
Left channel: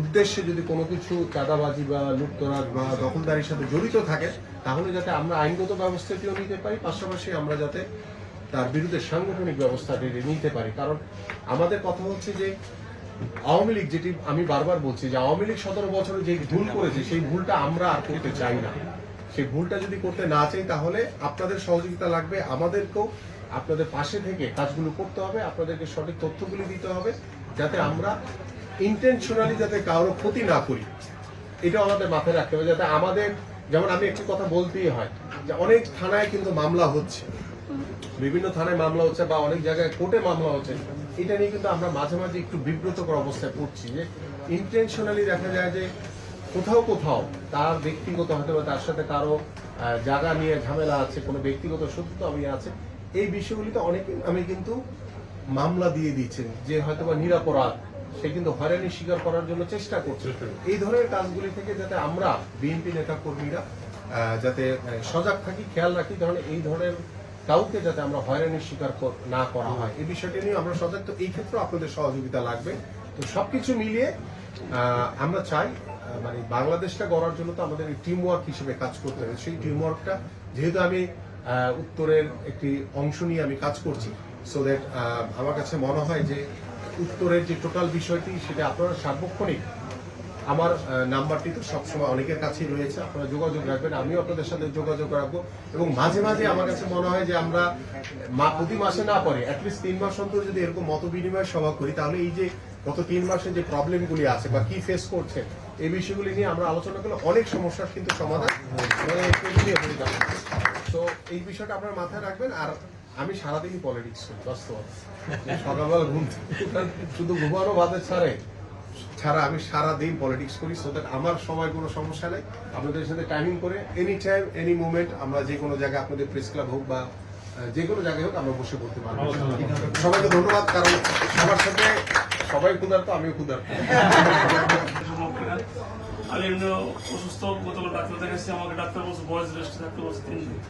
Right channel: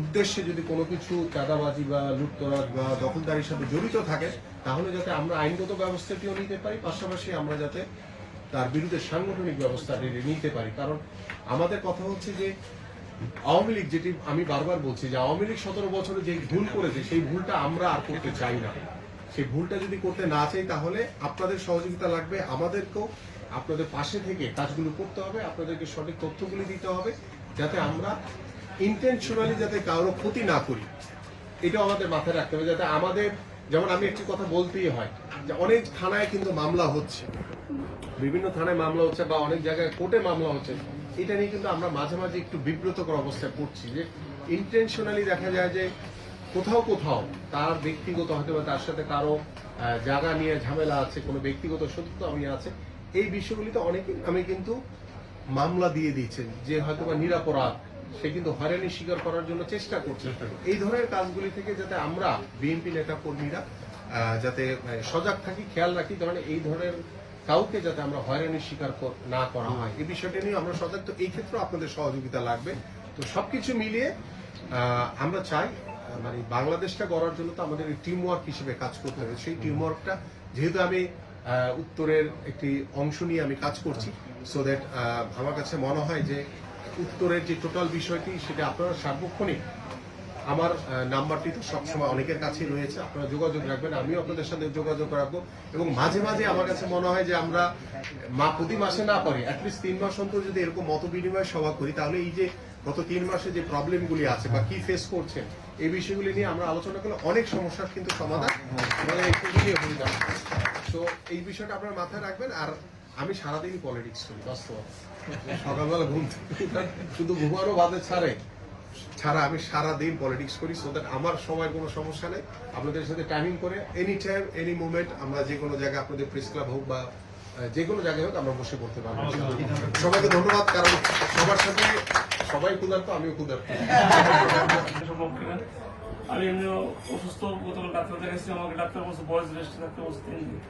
উদ্দেশ্যে যদি কোনো কিছু চাঁদাবাজি বা লুটতরাজ বা দখলদারির সাথে জড়িত থাকে, তাহলে যাতে আমরা আইনগত ব্যবস্থাটিও নিতে পারি, পাশাপাশি আমরা যাতে তার বিরুদ্ধে সাংগঠনিক ব্যবস্থা নিতে পারি। কারণ আমাদের কথা হচ্ছে যে আওয়ামী লীগ, যেটি আমি বারবার বলছি যে আওয়ামী লীগ 17 বছরে যে ভুল করেছে সেই ভুলটা আমরা আর করতে চাই না। সেই ভুলটা যদি করতে না চাই, তাহলে আপনাদের সহযোগিতা লাগবে, আমাদেরকেও আপনাদের পাশে থেকে কাজগুলো করতে হবে, আপনাদেরকে সঠিক তথ্যগুলি দিতে হবে, যাতে আমরা ইন্টেনশনালি যাতে কারো ক্ষতি না করি, এটাও আমাদের মাথায় রাখতে হবে। যাতে আমাদের, যেমন আমি একটি কথা বলতেই হয় যে অনেক থানায় কিন্তু মামলা হচ্ছে, বিভিন্ন থানায় মামলা হচ্ছে বা অনেক জায়গায় কোর্টে মামলা হচ্ছে, এটা নিয়ে কিন্তু আমরা মাঝে মাঝে একটু বিব্রতকর অবস্থায় পড়ছি যে ইন্টেনশনালি দেখা যায় যে কোথাও কোথাও তার ব্যক্তিগত হয়তো বা তার সাথে কারো জায়গা নিয়ে ঝামেলা আছে, কোনো ব্যক্তিগত শত্রুতা আছে, এই বিষয়গুলিতে অনেকে আমি কিন্তু মামলা দিয়ে দিচ্ছেন যে হয়তো বা নিরাপরাধ, সে কিন্তু হয়রানি স্বীকার করার জন্য চেষ্টা করছে। এই ধরনের কাজগুলি থেকে যাতে আমরা বিএনপি নেতা কর্মীরা যাতে সজাগ থাকি, খেয়াল রাখি, এই ধরনের কাউকে যাতে আমরা হয়রানির শিকার না করা হয়, এই বিষয়টি নিয়ে আমরা সজাগ। তো এই ক্ষেত্রে আপনাদের সহযোগিতা লাগবে। তো সবকিছু মিলিয়ে আমরা চাই মানে বাংলাদেশটা গড়ার জন্য তো আমাদের টিম ওয়ার্ক হিসেবে কাজ করতে হবে। সেই টিম ওয়ার্কটা যেহেতু আমি উত্তরের একটি অংশ নিয়ে আমি কাজ করছি, সো দ্যাট আমার কাছে মনে হয় যে উত্তরের যে টোটাল বিষয়টি সেটা আপনারা সার্বক্ষণিক, আমার নাম্বারটি তো সবসময় অনেকের কাছেই রয়েছে, আপনারা যোগাযোগ রাখবেন, আমিও আপনাদের সাথে যোগাযোগ রাখবো। এবং মাঝে মাঝে আমার কাছে মনে হয় যে আমরা প্রতি মাসে না পারি, অ্যাটলিস্ট 3 মাস অন্তর যদি এরকম মত বিনিময় সভা করি, তাহলে এই যে গত 3 মাসে যে প্রবলেমগুলি আছে বা কি ফেস করছেন এই বিষয়গুলি নিয়ে আমরা আলোচনা করলে অনেক সমস্যার কিন্তু সমাধান আমাদের হয়ে যাবে। তো এই বিষয়টা আপনারা মাথায় রাখবেন। আর আমি সারাদিনই পলিটিক্স করি বাস্তবতা। সকালবেলা ঘুম থেকে উঠার শুধু ঘুমানো বাদে ছাড়া আমি সারাদিন পলিটিক্স করি, সো দ্যাট আমার সময় কোনো সমস্যা নেই। আপনাদের সাথে টাইমিং করে এনি টাইম এনি মুভমেন্ট আমরা যে কোনো জায়গায়, আপনাদের প্রেস ক্লাব হোক বা যে কোনো জায়গায় হোক, আমরা বসে পড়তে পারবো। সবাইকে ধন্যবাদ, কারণ সবার সাথে সবাই ক্ষুধার্ত, আমিও ক্ষুধার্ত। আমি এমনি অসুস্থ, গতকাল ডাক্তার দেখাচ্ছি, আমাকে ডাক্তার বলছে বয়স রেস্ট থাকতে বলছে 3 দিন,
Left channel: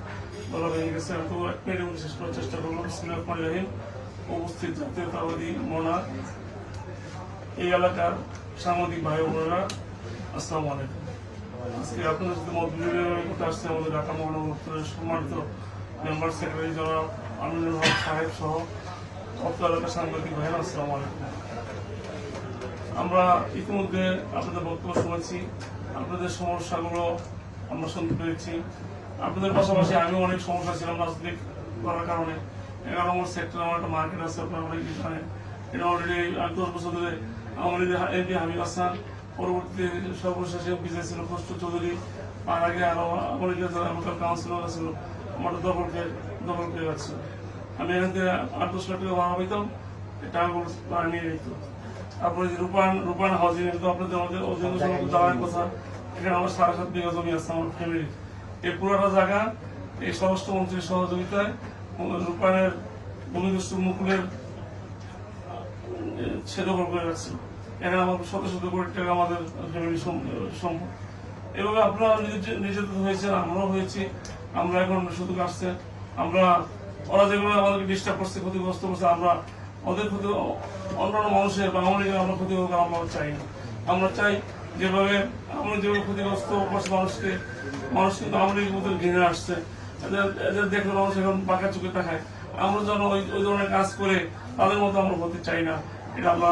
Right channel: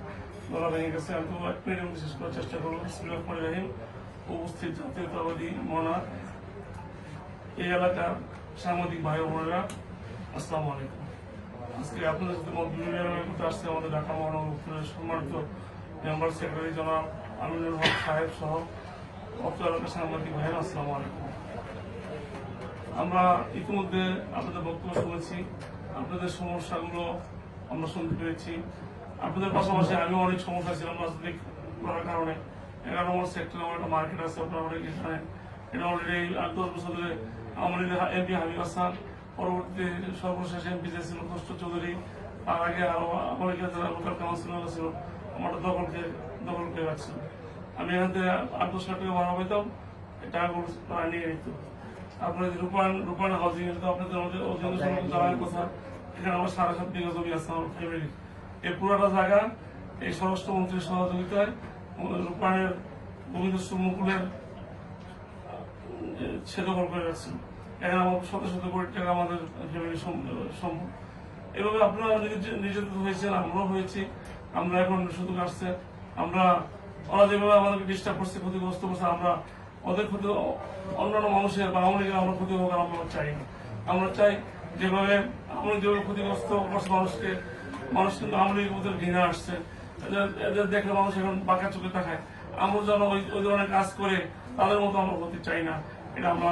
বলা হয়ে গেছে। আমি তো 1 মিনিট শেষ করার চেষ্টা করবো। বিসমিল্লাহির রহমানির রহিম। উপস্থিত জাতীয়তাবাদী মনা এই এলাকার সাংবাদিক ভাই বোনেরা, আসসালামু আলাইকুম। আজকে আপনাদের সাথে মত বিনিময় করতে আসছে আমাদের ঢাকা মহানগর সম্মানিত মেম্বার সেক্রেটারি জনাব আমিনুল হক সাহেব সহ অত্র এলাকার সাংবাদিক ভাইয়েরা, আসসালামু আলাইকুম। আমরা ইতিমধ্যে আপনাদের বক্তব্য শুনেছি, আপনাদের সমস্যাগুলো আমরা শুনতে পেরেছি। আপনাদের পাশাপাশি আমিও অনেক সমস্যা ছিলাম রাজনৈতিক করার কারণে। 11 নম্বর সেক্টর আমার একটা মার্কেট আছে, আপনারা অনেকে জানেন। এটা অলরেডি 10 বছর ধরে আওয়ামী লীগের এমপি হাবিব হাসান, পরবর্তীতে সর্বশেষ এমপি ছিল খসরু চৌধুরী, আর আগে আরো অনেকে লোকাল কাউন্সিলর ছিল, আমার দখল করে রাখছিল। আমি এখান থেকে 8-10 লাখ টাকা ভাড়া পাইতাম, টাকাগুলো নিয়ে নিত। আপনার যে রূপায়ণ হাউজিং, এটা তো আপনাদের আমাদের অধীনে জানার কথা। এখানে আমার 7.5 বিঘা জমি আছে আমার ফ্যামিলির। এই পুরাটা জায়গা এই স্বরাষ্ট্রমন্ত্রীর সহযোগিতায় রূপায়ণের ভূমিদস্যু মুকুলের সে দখল করে রাখছিল। এখানে আমার শত কোটি টাকা আমাদের ফ্যামিলির সম্পদ। এভাবে আপনারা নির্যাতিত হয়েছেন, আমরাও হয়েছি। আমরা এখন সুযোগ আসছে, আমরা ওরা যেভাবে আমাদেরকে ডিস্টার্ব করছে, ক্ষতিগ্রস্ত করছে, আমরা ওদের ক্ষতি অন্যান্য মানুষের বা আওয়ামী লীগের আমরা ক্ষতি হোক আমরা চাই না। আমরা চাই যেভাবে আওয়ামী লীগ যেভাবে ক্ষতিগ্রস্ত করছে মানুষ কিন্তু আওয়ামী লীগের মধ্যে ঘৃণা আসছে, এদের দেখলে মানুষ এখন বাঁকা চোখে তাকায়। আমরা যেন ওই ধরনের কাজ করে তাদের মতো আমরা হতে চাই না। এটা আমরা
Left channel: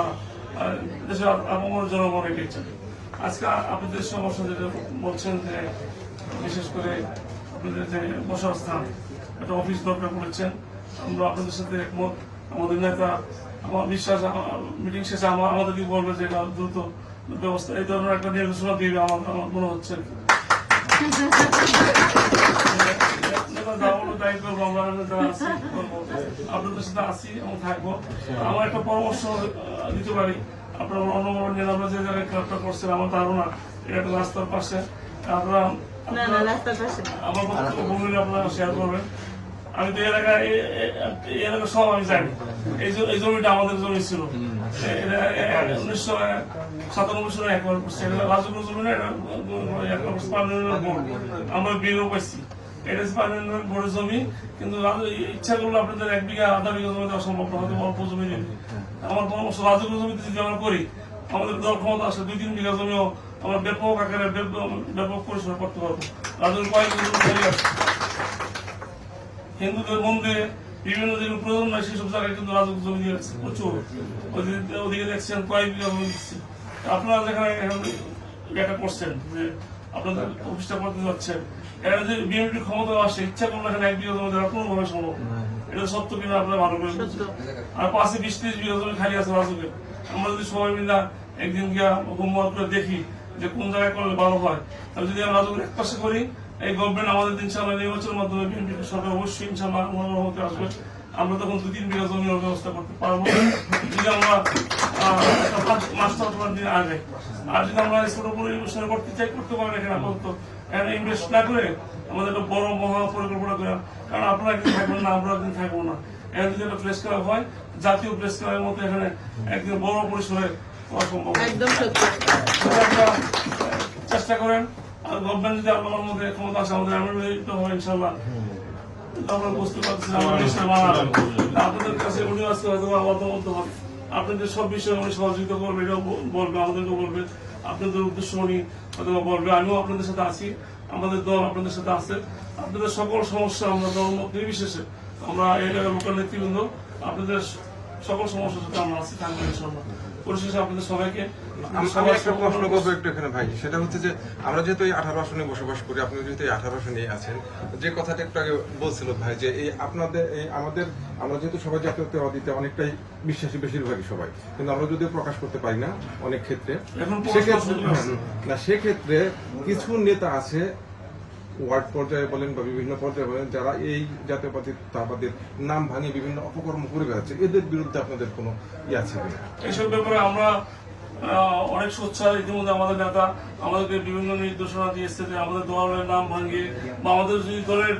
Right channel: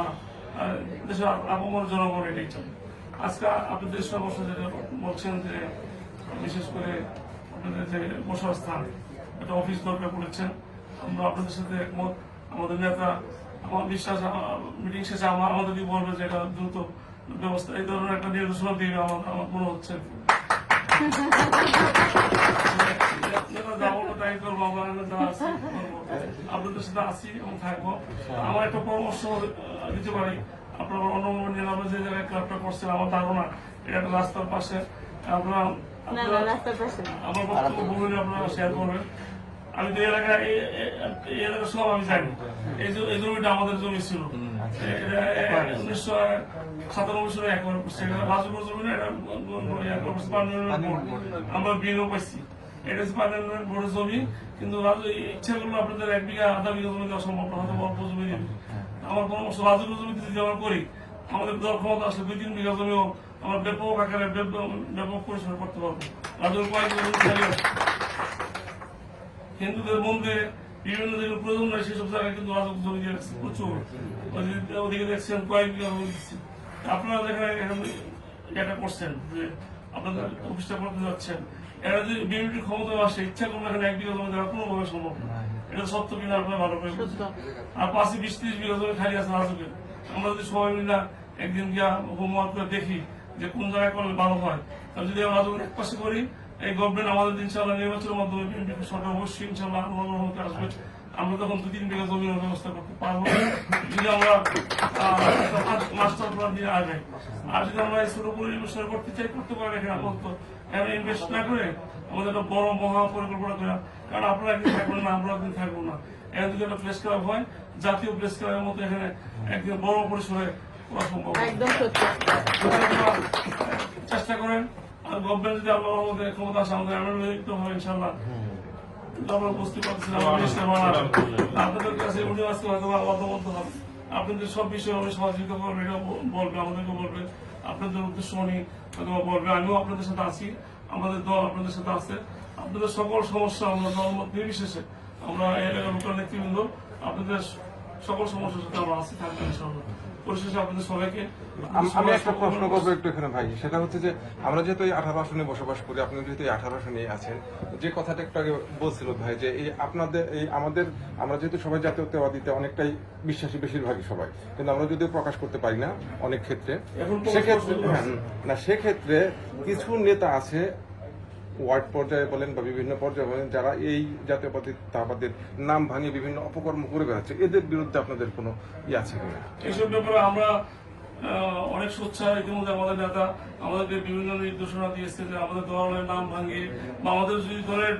দেশের আমার জনগণ এটাই চাই। আজকে আপনাদের সমস্যা যেটা বলছেন যে বিশেষ করে আপনাদের যে বসার স্থান, একটা অফিস দরকার বলেছেন, আমরা আপনাদের সাথে একমত। আমাদের নেতা আমার বিশ্বাস মিটিং শেষে আমাদের দিকে বলবে যে এটা দ্রুত ব্যবস্থা, এই ধরনের একটা নির্দেশনা দিবে আমার মনে হচ্ছে। আপনাদের সাথে আসি এবং থাকবো। আমার একটা পরামর্শ দিতে পারি, আপনারা অন্যভাবে নিয়ে আমরা যে জায়গায় ক্লাবটা করছেন, আমার ধারণা এটা একটা রাস্তার পাশে। আপনারা আমার বক্তব্য বললে আপনারা শেয়ার করবেন। আমি তো এই এলাকা সব আমি জানি। এই জমিটা আমাদের জমি ছিল, 1997 সালে একবার করছে। রাজুপুর জমি না, আমরা বিয়েও পাইছি। এটা পার্লামেন্ট বোর্ডের জমি, কিন্তু ইচ্ছা করলে আপনাদের 1 বিঘা 1/2 বিঘা জমি দেওয়া সম্ভব না, হয়তো অল্প জমি দিবে। আমার পরামর্শ, রাজুপুর জমিতে যদি আমরা করি, আমাদের দল ক্ষমতা আসলে 2-3 বিঘা জমিও আমরা ব্যাপক আকারে ব্যাপক পরিচালনা করতে পারবো। রাজুপুর কয়েকজন জমি আছে, হিন্দুদের মন্দিরে বিভিন্ন যেগুলো প্রয়োজন নয় সেসব জায়গায় কিন্তু রাজুপুর জমি দিয়ে রাখছে প্রচুর। ওদিকে দেখছেন কয়েক বিঘা জমি দিচ্ছে। আপনারা যেখানে এটা করছেন যে আপনাদের অফিসটা করতে যাচ্ছেন, এরা যদি বিএনপির ক্ষমতা আসে, ইচ্ছা করলে এখানে 1 বিঘা জমি দেওয়া কোনোভাবে সম্ভব। এটা সত্য কিনা আপনারা ভালো করে বুঝছেন। আর পাশে 20-30 বিঘা জমি খালি আছে রাজুকের। আমরা যদি সবাই মিলে একদিন গিয়া হোমওয়ার্ক করে দেখি যে কোন জায়গায় করলে ভালো হয়, তাহলে যদি আমরা রাজুকের এক পাশে করি, এই গভর্নমেন্ট আমাদের ইনশাআল্লাহ নির্বাচনের মাধ্যমে বিএনপি সরকার অবশ্যই ইনশাআল্লাহ হতে আসবে। আমরা তখন 2-3 বিঘা জমির ব্যবস্থা করতে পারবো যদি আমরা মাস্টার প্ল্যান দিয়ে আগে। আর যদি আমরা ছোট পরিবেশন করতে চাই, করতে পারেন। এখানে আপাতত ইনভেস্ট না করে আমাদের একটা বড় মহা পরিকল্পনা করে, কারণ আপনারা একদিন থাকবেন না, আমরা একদিন থাকবো না। এখানে যদি একটা প্রেস ক্লাব হয়, জাতীয় প্রেস ক্লাবের মতো এখানে একদিন বড় পরিসরে করা সম্ভব। চেষ্টা করেন। আর গভর্নমেন্ট যদি আপনার মধ্যে ক্ষমতা আসে, আমাদের এমএলএ হবে ইনশাল্লাহ। আমরা বুঝতে পারছি আপনাদের কাছে উনি আজকে হয়তো অবদ্ধ হবে, আপনাদের সব বিষয়ে উনি সহযোগিতা করবে, এটা বলবে, আমাদেরকে বলবে, আপনাদের উদ্দেশ্য উনি হয়তো বলবে। আমিও আপনাদের সাথে আছি, আমাদের দল আপনাদের সাথে আছে। আপনাদের সকল সমস্যা আমরা দলমত নির্বিশেষে, আমরা এই এলাকার লোকাল নেতৃবৃন্দ আপনাদের সকল সমস্যার সাথে আমরা আছি, থাকবো ইনশাল্লাহ। পরিশেষে আপনাদের সবাইকে আমি একটা প্রশ্ন করবো একটু এখানে ভাই, সেটা হচ্ছে যে আমরা যেহেতু এই 18 আসনে বসবাস করি, আপনি যেহেতু এই 18 আসনে আছেন, যে কথাটা একটু আগে বলছিল ভাই যে এই আপনাদের এই আমরা যেহেতু সবাই জাতীয়তাবাদীতে অনেকটাই বিশ্বাসী, বেশিরভাগই সবাই, কিন্তু আমরা যদিও প্রকাশ করতে পারি না অনেক ক্ষেত্রে। সেক্ষেত্রে কিছু নেতা আছে ওয়ার্ড পর্যায়ে বলেন বা বিভিন্ন পর্যায়ে বলেন যারা এই জাতীয়তাবাদের নাম ভাঙিয়ে বিভিন্ন অপকর্ম করে বেড়াচ্ছে, এদের বিরুদ্ধে আপনাদের কোনো ইয়ে আছে কিনা? এসব ব্যাপারে আমরা অনেক সোচ্চার। ইতিমধ্যে আমাদের নেতা আমাদেরকে বিভিন্ন নির্দেশনা দিয়েছে যে আমাদের দলের নাম ভাঙিয়ে বা আমাদের যদি দলের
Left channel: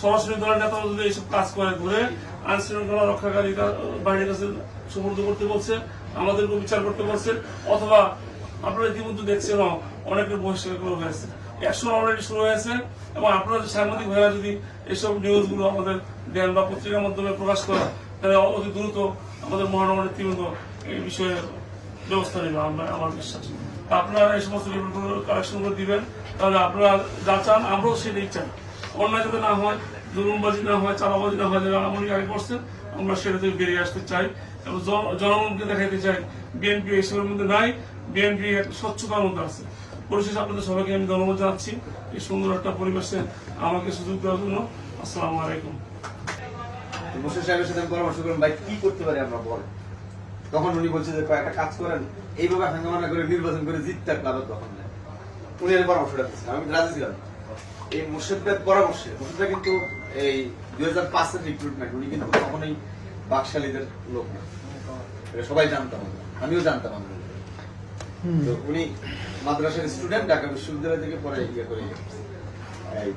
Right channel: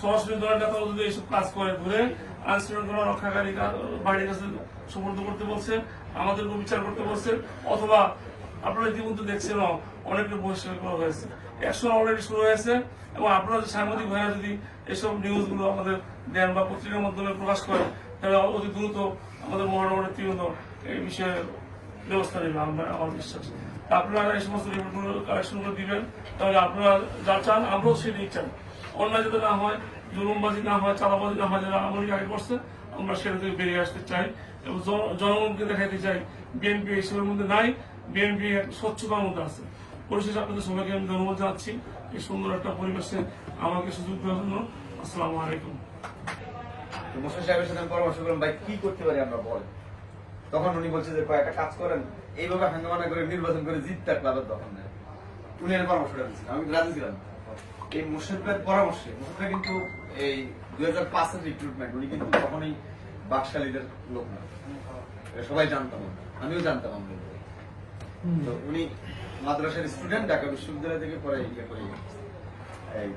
সরাসরি দলের নেতা যদি এইসব কাজ করে ধরে আইন শৃঙ্খলা রক্ষাকারী বাহিনীর কাছে সুপর্দ করতে বলছে, আমাদেরকে বিচার করতে বলছে, অথবা আপনারা ইতিমধ্যে দেখছেন অনেকের বহিষ্কার করা হয়েছে, অ্যাকশন অলরেডি শুরু হয়েছে। এবং আপনাদের সাংবাদিক ভাইরা যদি এসব নিউজগুলো আমাদের দেন বা পত্রিকার মাধ্যমে প্রকাশ করেন, তাহলে অতি দ্রুত আমাদের মহানগর নেতৃবৃন্দ এই বিষয়ে ব্যবস্থা নেবে আমার বিশ্বাস। আপনারা এই সমস্ত রিপোর্টগুলো কালেকশনগুলো দিবেন, তাহলে আপনারা যা চান আমরাও সেটাই চাই। অন্যায় যাতে না হয়, জুলুমবাজি না হয়, চাঁদাবাজি না হয়, যারা আমলিক আগে করছে আমরা সেটা থেকে বেরিয়ে আসতে চাই এবং জনগণকে দেখাইতে চাই বিএনপি এইসবের মধ্যে নাই, বিএনপি একটা স্বচ্ছতার মধ্যে আছে। পরিশেষে আপনাদের সবাইকে আমি ধন্যবাদ জানাচ্ছি এই সুন্দর একটা পরিবেশে আমাকে সুযোগ দেওয়ার জন্য। আসসালামু আলাইকুম। মোর্শেদ সাহেবের সাথে আমি পরামর্শ করলাম, ভাই কি করতে পারি আমরা বলেন। তখন উনি বলছে যে কয়েকটা কাজ করেন, এইভাবে হাঙ্গামা করে নির্বাচন করে জিততে ক্লাবের দখল নেয়। উনি এর পরামর্শটা দিচ্ছেন, আমি রাজি ছিলাম না। এই মোর্শেদের পরামর্শে, মোর্শেদরা কিন্তু এই 2005-এর রিক্রুটমেন্ট, উনি কিন্তু কখনোই বাকশালীদের লোক না, এটা সবাই জানতাম আমরা, আমিও জানতাম। আমরা তো উনি মাদ্রাসার স্টুডেন্ট, ঢাকা বিশ্ববিদ্যালয় থেকে পরে ইয়ে করে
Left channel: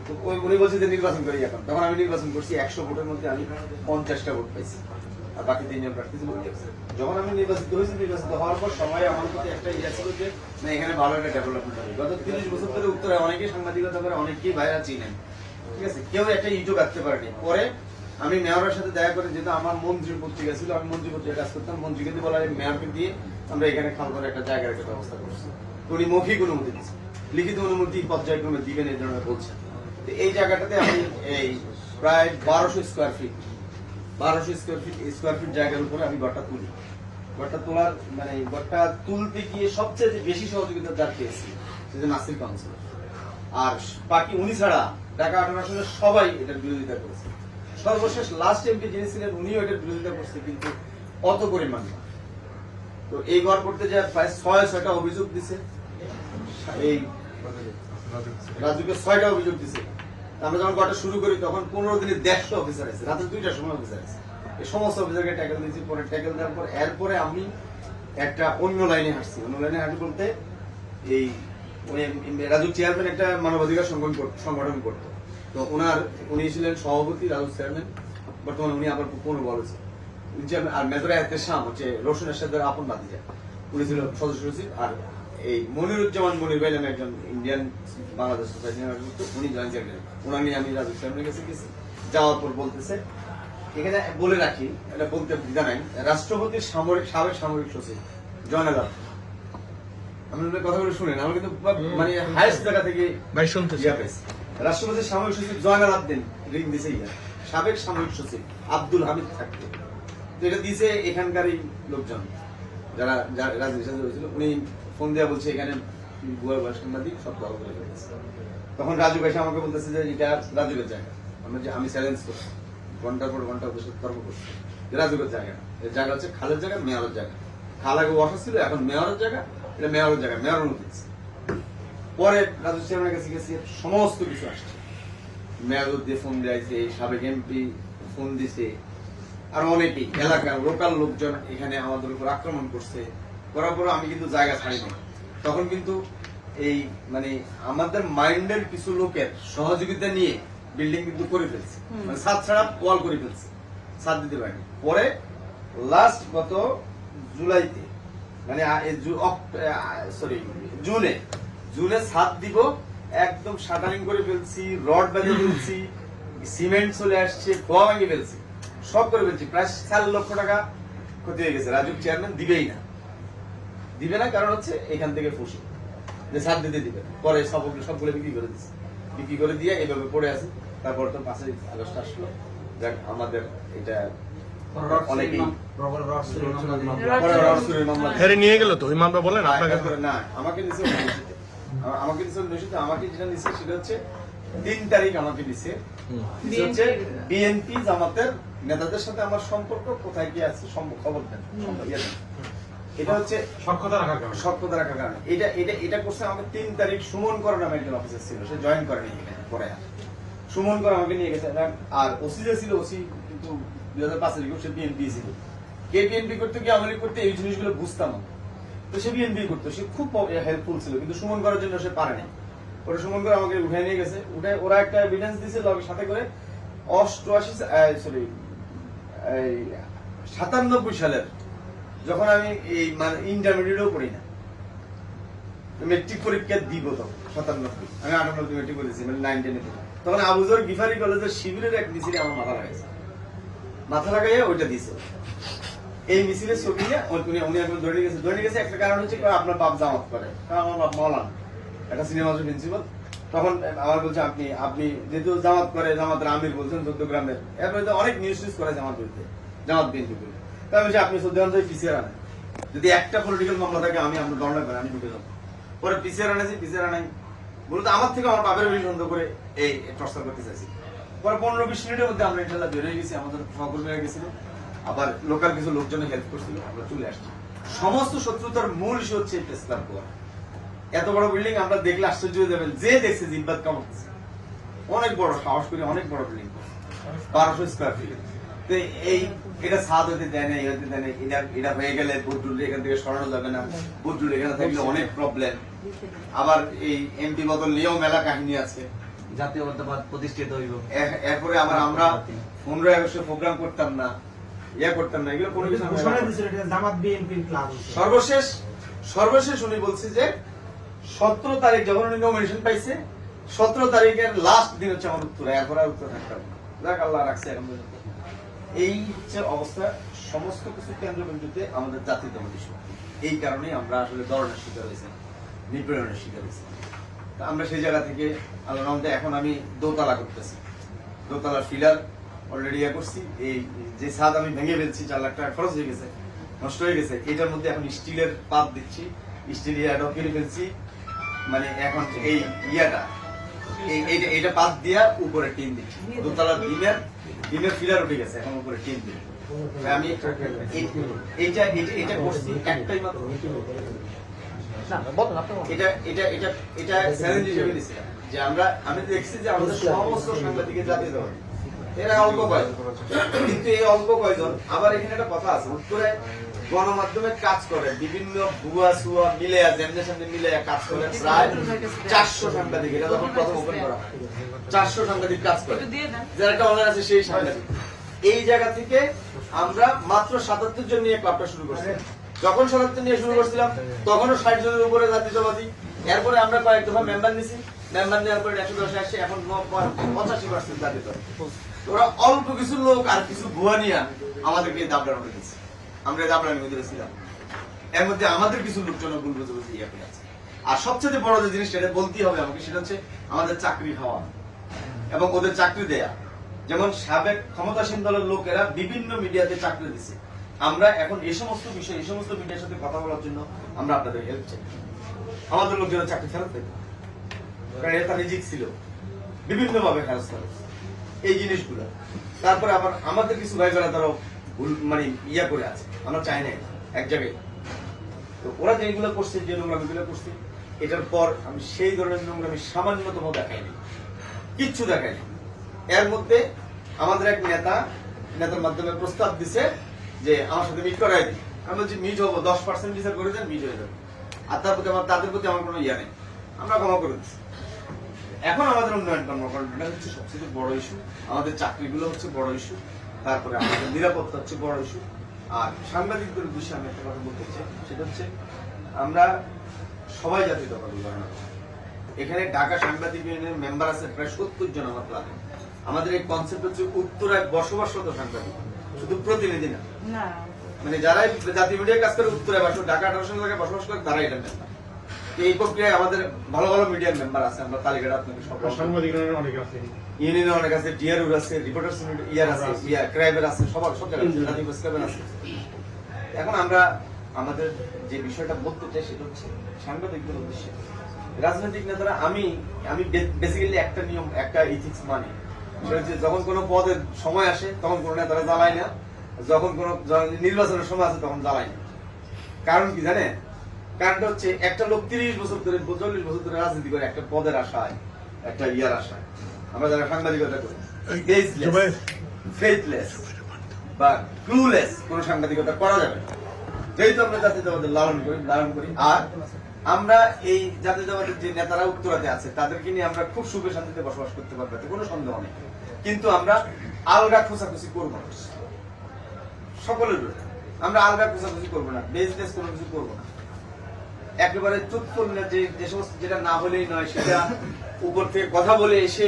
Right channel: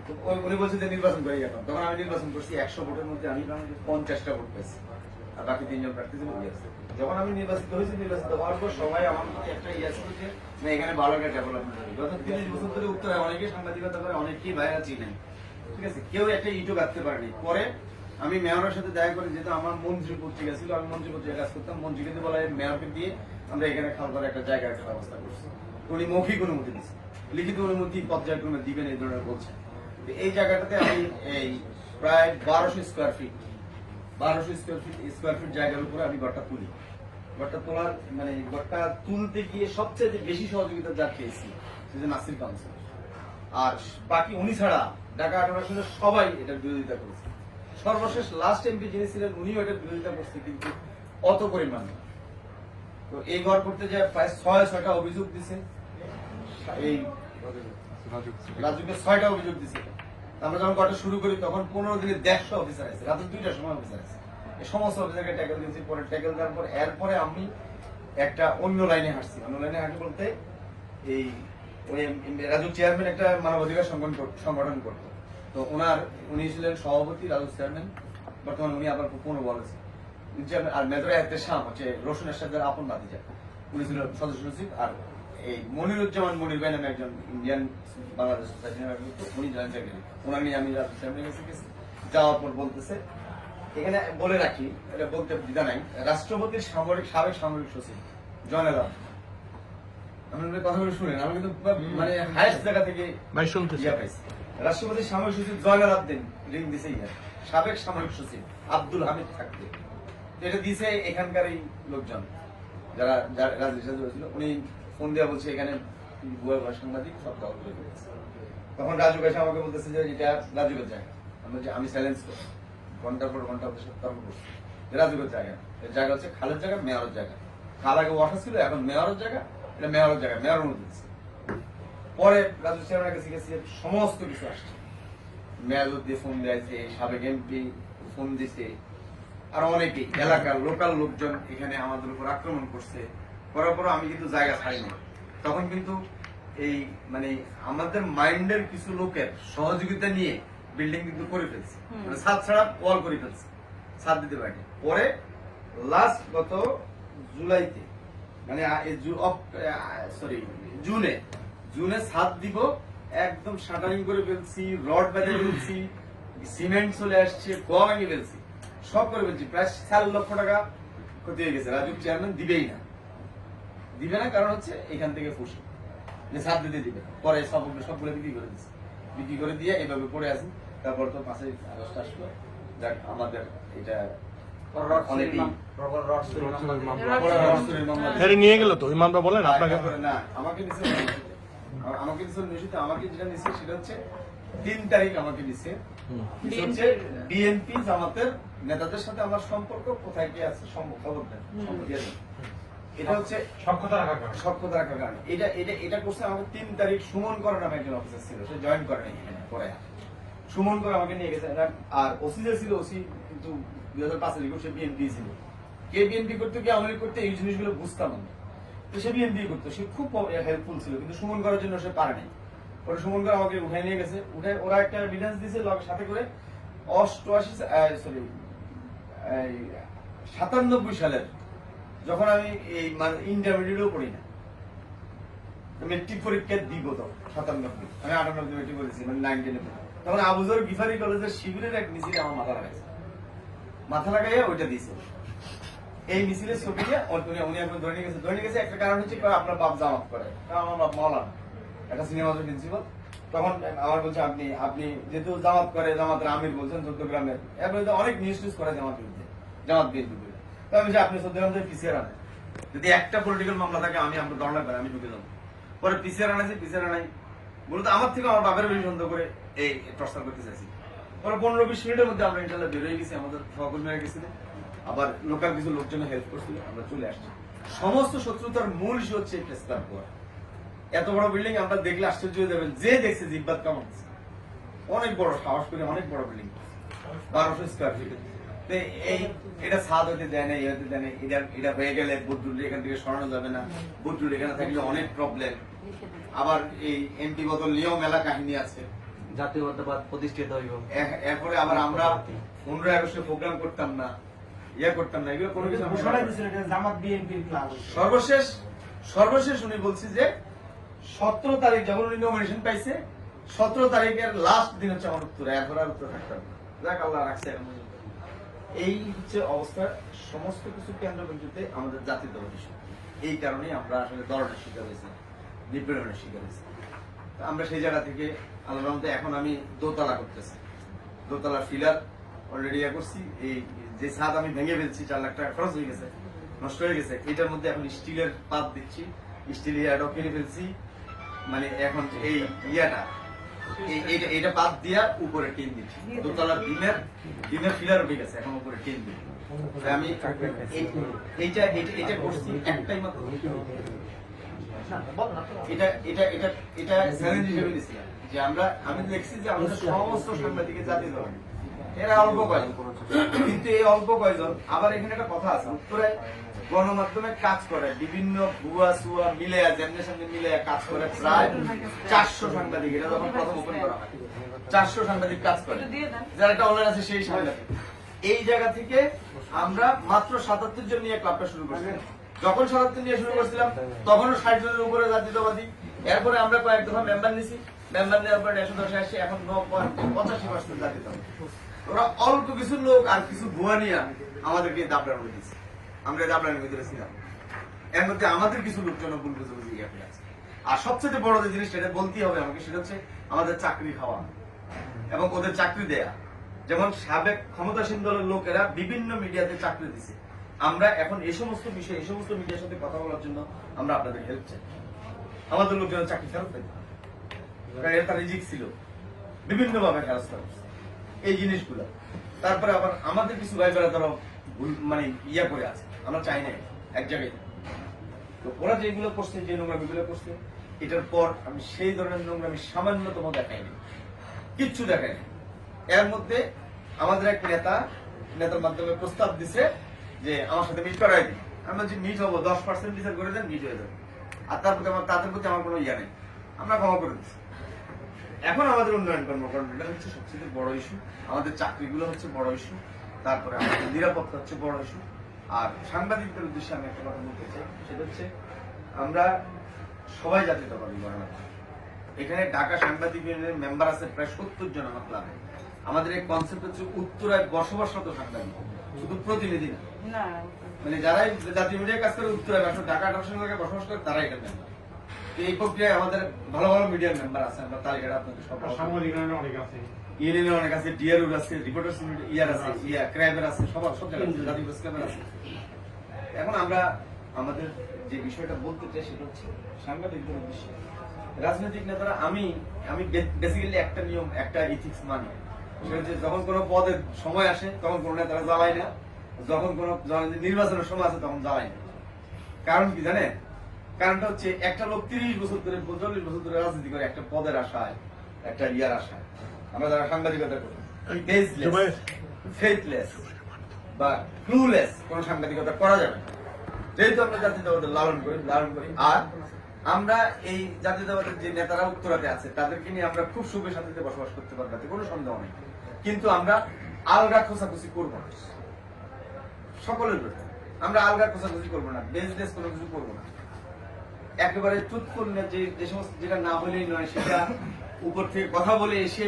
তো উনি বলছে যে নির্বাচন করি এখন। তখন আমি নির্বাচন করছি, 100 ভোটের মধ্যে আমি 50টা ভোট পাইছি, আর বাকি 3 জন প্রার্থী ছিল। যখন আমি নির্বাচিত হয়েছি, নির্বাচিত হওয়ার পর সবাই আমার প্রতি একটা ইয়ে ছিল যে না, এখানে ভালো একটা ডেভেলপমেন্ট হবে। গত 30 বছর ধরে উত্তরে অনেকেই সাংবাদিকতা করে, অনেকেই ভাইরা চিনেন, ঠিক আছে, কেউ একটা ইটও গাঁথতে পারেনি। পরে আমি মেয়রের সাথে দেখা করি, যেহেতু আমার মন্ত্রী পত্রিকা ছিল, আমি মন্ত্রী পত্রিকা কাজ করতাম, মন্ত্রীকে দিয়ে বলা হয় মেয়রকে দিয়ে আমরা এখানে খাল করে একটা জায়গার একটা ব্যবস্থা করছি। উনি মৌখিক অনুমতি দিচ্ছেন, লিখিত অনুমতি পর্যায়ক্রমে দিবেন এই ধরনের বলছেন। এই জায়গাটাতে আমি এই প্রায় 1200 স্কোয়ার ফিট জায়গার উপরে আমি ঘরটা তুলি। ঘরটা তোলার মানে ঘরটা তুলতে গিয়ে সবচেয়ে বেশি সহযোগিতা যার পেয়েছি সেটা নাসির কাউন্সিলর, আর বাকি উনি ছাড়া ঢাকা 18 আসনের সবাই এটার বিরোধিতা করেছে। সর্বশেষ লাস্ট এমপি যিনি ছিলেন উনিও এটার বিরোধিতা করছে, কিন্তু অত পরিমাণ না। তো এই ঘর করতে যায় প্রায় 6-6টা অভিযোগ দিছে, এই রাজুকে 6টা অভিযোগ দিছে। আমরা যখন ঘরটা শুরু করি তখন 15 দিনে 150 অফিসার আছে, রাতে 2টার সময় অফিসার আছে। এই সমস্ত অফিসারকে ট্যাকেল দিয়েছি। পরে ট্যাকেল দেওয়ার পর এরপরে আমি একটা অন্য লাইনে হাঁটছি। অন্য লাইনে হাঁটি বলতে এই রাজু চেয়ারম্যান একটা মানবাধিকার সংগঠন করতো, তো উনি ছিলেন সভাপতি, রাজু চেয়ারম্যান, বর্তমানে উনি আবার পুনঃ বলেছে চেয়ারম্যান। আর মেজর এহতেশাম হচ্ছে রোশন এরশাদের আপন ভাতিজা, উনি ছিল সদস্য সচিব। আর এই মনিরুজ্জামান মনির ভাই নামে একজন ইন্ডিয়ান বাংলাদেশ সোসাইটি নামে উনি জয়েন্ট সেক্রেটারি, ওনার নিয়ে আমি রাজু চেয়ারম্যানের কাছে গেছি। যাওয়ার পর বলতেছে, এখানে বলে রাখি, এটা বলতে দ্বিধা নাই, রাষ্ট্রপতির সাবেক সামরিক সচিব জয়নাল আবদিন, আমি কথাগুলো শুনেন, আমি কিন্তু মানে হাইস্ট জায়গা থেকে ইয়া পাইছি। রাষ্ট্রপতির সামরিক সচিব জয়নাল আবদিন রিং দিছে, সাবেক সামরিক সচিব আব্দুল হামিদ থাকবে, তো এটা দিছে এখানকারই লোকজন যারা রাজনীতির সাথে রয়েছিল। উনি ফোন দেওয়া বলছে এখানে ভুয়া সাংবাদিক সব দল করে ফেলেছে। তখন রাজু এসে আমাকে বলতেছে যে এটা রাজুকের জায়গা। আমি চ্যালেঞ্জ করছি, ঘন্টার পর ঘন্টা ওদের সাথে তর্ক করছি, রাজুকের জায়গা না, এর জায়গা হচ্ছে খালের জায়গা, মেয়রের জায়গা। খাল আগে ওয়াটার ছিল, এখন মেয়রের জায়গা, এটা মেয়রের জায়গা, মেয়র অনুমতি দিচ্ছে। পরে রাজু চেয়ারম্যানের কাছে গেছি, সমস্ত কিছু আসছে, মেয়র দিয়ে ফোন দিয়েছে, সাবেক এমপি ফোন দিছে, আর অনেকেই এলাকার লোকাল লোকজন এখানে আমাদের উপর আক্রমণ করছে। করার পর আমি কিন্তু জায়গা ছাড়িনি। তখন কিন্তু এই মানে আমাদের মাইন্ডের কিছু লোকের সহযোগিতা নিয়ে বিল্ডিং কিন্তু করে ফেলছে, মানে ছাদ ছাড়া ওয়াল করে ফেলছে, ছাদ দিতে পারিনি। পরে লাস্ট গত জুলাইতে মানে জুনে ছাদ দিব, একদম শাটারিং করে ফেলছি, রড বেঁধে ফেলছি, সিমেন্ট চলে আসছে, খোয়া ভেঙে ফেলছি, সব করে ফেলছি। প্রায় 4 লক্ষ টাকা ক্ষতি হয়ে গেছে। রাজু চেয়ারম্যান দিবে না, কারণ হচ্ছে এখান থেকে ফুসি যে ছাদ দিতে দিবে। পরে সবগুলো বিক্রি করে দিয়ে এইভাবে পড়ে আছে। তারপর তো 5ই আগস্ট আসলো, যাক আমাদের এটা অনেকেই নিয়ে গেল তো ওই মামলা বলেন আপনাকে না, আমাকে নিচে আমাকে যেটা নিচ্ছে সেটা হচ্ছে 3 তারিখ আমাকে দিচ্ছে হচ্ছে বিএনপি জামাতের নেতাদের সাথে আমার সম্পর্ক কোথায় কি আছে খবর দেন। এটা হচ্ছে সক্ষতা রাখার কারণে। সক্ষতা রাখার কারণে। এটা করছে আমাকে 3 তারিখ সুমন কর নামে একজন অফিসার ছিল, সে জয়েন করেনি এখানে পরে। সুমন কর আমাকে নিয়ে গেছে, আর ওসি যে ছিল, ওসি কিন্তু 2005 এর সে বিএনপি ছিল। কে বিএনপি করতে কি আওয়ামী লীগ করতে, এই জিনিসগুলো বুঝতাম না। তো সে বিএনপি করতো, সে খুব হেল্পফুল ছিল, কিন্তু সুমন করার জন্য সে পারে নাই। পরে সুমন করে আমাকে উঠাই নিয়ে গেছে, উঠে ওরা একটা এভিডেন্স দিয়েছে সাথে করে 97 সালের, যখন আমি এই মানে ইন্টারমিডিয়েটও পড়ি না, মেট্রিক পরীক্ষা দিব, তখন 97, আমি 98 মেট্রিক করেছি, মানে 9 10 তখন আবুজর গিফারি কলেজের শিবিরের এক মিছিলে আমার মাথা লাগাইয়া ওইটা দিয়েছে। এই মিছিলের ছবি নিয়ে উনি একবার ধরে নিয়ে গেছে। একটা কারণ হচ্ছে আপনার বাপ জামাত করে, কারণ আমার বাপ মাওলানা, একটা সিনেমা প্রিন্সিপাল। তখন আমার বলছে আপনি যেহেতু জামাত করে, জামাতের আমির বলছেন 14 গ্রামের, এরপরে অনেক নিউজ করে জামাত বিরুদ্ধে, জামাত বিএনপি বিরুদ্ধে। তাই বলছি আপনি 14 গ্রাম পিছিয়ে আনেন, যদি একটা পলিটিক্যাল মামলা থাকে আমি আপনার দণ্ডা করে আমি ঢুকে যাবো। পরে পিছিয়ে আনাইছি, পিছিয়ে আনাই বলতে আমার থেকে আমার বাপের বেশি সন্দেহ করে এই টর্চার করতে চাইছি। পরে 15-20 মিনিটের মধ্যে আমরা ইনশাল্লাহ বের হয়ে গেছি, আমাদের সহকর্মীরা গেছিল, আবার লোকাল কিছু লোকজনে হেল্প করছিল, আমরা চলে আসছি। সমস্ত শত্রুতার মূল ইস্যু হচ্ছে প্রেস ক্লাব গোয়া। এত বড় বিল্ডিং আমরা দেখলে আশ্চর্য হয়ে যাবেন, যে দেখছে জিব্বাত কামাচ্ছে, অনেক বড়, সাহস করে অনেক বড় বিল্ডিং, 1200 স্কয়ার ফিট। এটা ছাদ হতে দেয় না, এই হতে দেয় না, এটা হয়ে গেলে বদরুল এখান থেকে সরানো যাবে না, বদরুল এখানে থাকলে অনেক প্রবলেম। আবার এই এমপি বদল নিয়েও মেলা কাহিনী আছে, জাতীয়তাবাদ প্রতিষ্ঠিত হইব। এরপরে আবার আমরা 15 আগস্টে প্রোগ্রাম করতাম না, করতাম না, এগুলো কোনো কিছু সর্বশেষ উনি বলছে যে 17 তারিখ যখন উনি নমিনেশন পাইছে, 17 তারিখের লাস্ট দিন হচ্ছে আমার উত্তর, এরপর আর উত্তর থাকতাম না। যাক আল্লাহ রাখছে এখন পর্যন্ত। এই হচ্ছে অবস্থা, সমস্ত কিছু কেন্দ্রবিন্দুতে আমাদের জাতীয়তাবাদী শক্তি। এই কারণেই আমরা আসলে দরনের শিকার হয়েছি, নিপীড়নের শিকার হয়েছি। আমরা সেই জায়গা থেকে আল্লাহর রহমতে এখন আমি দোতলা করতেছি, দোতলার ফিলার অলরেডি করছি। এই যে ছাদ আমি ভেঙে ফেলছি, 4 লাখ টাকা খরচ হয়ে গেছে, নষ্ট হয়ে গেছে, এটার মধ্যে এখন স্টিলের পাত দিচ্ছি, স্টিল ইয়াটাও কেটে ফেলছি। মানে এখন এই ইয়াটা এইটা পাত দিয়া উপরে টিন দিচ্ছি, দোতলার ডিমের ফিলার উঠে গেছে, এখন উপরে টিন দিই। আমি এটা করছি একটাই মাত্র, এটা চ্যালেঞ্জ হিসেবে দিয়েছিলাম যে আমি দেখছি যে আমাদের সমস্ত সাংবাদিকের জাতীয়তাবাদী, এরা অল্প কয়জন, কিন্তু এই অল্প কয়জন আবার এখানে একটা কথা আছে, উত্তরে গণমাধ্যমে কাজ করে বিভিন্ন ভুয়া সুয়া মিলে যেমনি সামনে মিলে কাজ করে প্রায় 400 সাংবাদিক। এটা যখন প্রথম ওপেন করা হয় 400 সাংবাদিক কাজ করে, যারা একটা অনলাইন আছে সেই সাংবাদিক। এই জায়গা থেকে আমরা মাত্র 77 জন নিয়ে ক্লাবটা শুরু করছি। যখন 77 নিয়ে শুরু করছিলাম তখনও 60 জনের উপরে জাতীয়তাবাদী। এরপরে আমরা কয়েক দফা মেম্বার নিছি, মেম্বার নেওয়ার পরে 110 আসছে, এখন 85% জাতীয়তাবাদী। ওরা অল্প কিছু লোক আর কিছু ভুয়া নিয়ে আমাদেরকে দাবড়ানো দিয়েছে, আমরা দাবড়ানোর ভিতরে ছিলাম। এর মধ্যে আমাদের কিছু লোকজন ভুল বুঝে বুঝে দিয়ে আছে। আর সবচেয়ে বড় যে জিনিসটা এটা বলতেই হবে আমাকে, সেটা হচ্ছে আমাদের চাকরি খাওয়া এবং ওদের চাকরি দেয়া। যেমন সাবেক ক্ষমতাসীন দলের লোকেরা বিভিন্ন মিডিয়াতে চাকরি দিচ্ছে, আমরা এখন এই সমস্ত বিষয়, এই সমস্ত মিডিয়ার সাথে কথা বলার জন্য আমরা আপনাদের হেল্প চাই। আমাদের লোকেরা চাকরি ফেরত পেত, কারণ এটা রিজিক ছিল, বিভিন্ন ভাবে ফেরত ফেরত এই জিনিসগুলো। তারপরে আবার আমাদের কিছু ভাইবেরা তারা ভুল মানে ইয়া করে আছে, আমরা চাই নাই এক জায়গায়। তো ওরা যেগুলো করছে, যে নোংরামিগুলো করছে, এটার পর আমি সেই ধরনের নোংরামি সামান্যতম দেখাইনি, কিচ্ছু দেখাইনি। এর মধ্যে আমাদের এক নেতার মাধ্যমে প্রস্তাব দিছে যে আমার সাথে মিট করাই দিন। আমি বলছি মিট হবো, 10% বিচার করে দেন, মিট হয়ে যাবে। আর তার প্রতি তাদের প্রতি আমার কোনো ইয়া নেই, আমরা ক্ষমা করে দিচ্ছি। এখন আমাদের উন্নয়ন কর্মকাণ্ডটা হচ্ছে সবচেয়ে বড় ইস্যু, আমাদের চাকরিগুলো হচ্ছে বড় ইস্যু, তারপরে আমাদের নিরাপত্তা হচ্ছে বড় ইস্যু। আর সাংবাদিকদের উদ্দেশ্যে আমি একটা কথা বলতে চাই, সেটা হচ্ছে আমরা সবাই জাতীয়তাবাদী ঘটনা। এখানে ঢাকা সাংবাদিক ইউনিয়নের মেম্বার আছে প্রায় 70 জন আমার ক্লাবে। আমাদের এই কনসেপ্ট হচ্ছে উত্তরায় বসবাসরত সাংবাদিক, শুধু প্রতিনিধি না। মানে যারাই জাতীয় মিডিয়ায় কাজ করে উত্তরায় ঢাকা 18 জায়গায় বসবাস করে, তারাই এটা মেম্বার। এই প্রক্রিয়ায় আমাদের ভালো ভালো মিডিয়ার মেম্বার আছে, আমরা তালিকাটা আপনাকে সব ইউনিয়নে অনেক আছে, ডিআরউর আছে, রিপোর্টার্স ইয়ার আছে, ক্রাইবের আছে, সব জায়গায় আছে। এখন আমরা আমাদের যে বিষয়টা বলতে চাই সেটা হচ্ছে সাংবাদিকদের উদ্দেশ্যে রাজনৈতিক নেতারা, আমি বেসিক্যালি একটা নিয়ম, একটা ইথিক্স মানি, সেটা হচ্ছে যখন কোনো পদের সময় আসে তখন কোনো নেতারা জ্বালায় না, যখন কোনো নির্বাচনের সময় আসে তখন জ্বালায় না। কারণ কি জানেন? কারণটা হচ্ছে একটা লোক 30 বছর ধরে 40 বছর ধরে রাজনীতি করে একটা পদের আশায়, একটা ইয়ার আশায়। আমরা যারা সাংবাদিকতা করি, জুবাইর। ফেথলেস বা ক্লুলেস কোন সাংবাদিকতা করা যাবে না। যেহেতু আমরা জাতীয়তাবাদের লালন করি আর আমরা এই জাতীয়তাবাদের যে নেতারা উত্তরাতে আছে তাদেরকে নিয়ে আমরা খুব সুখে শান্তিতে বসবাস করতে পারবো, এতে কোনো সন্দেহ নেই। কিন্তু আমরা আলগা খোঁচাখুচি করবো না, সকলের বিরুদ্ধে আমরা আলগা খোঁচাখুচি করবো না, বেজলেস কোনো কিছু করবো না। একেবারে চুপ করলে যে সমস্ত যেটা না হলেই নয় সেটা উপর থেকে কথা বলে এসে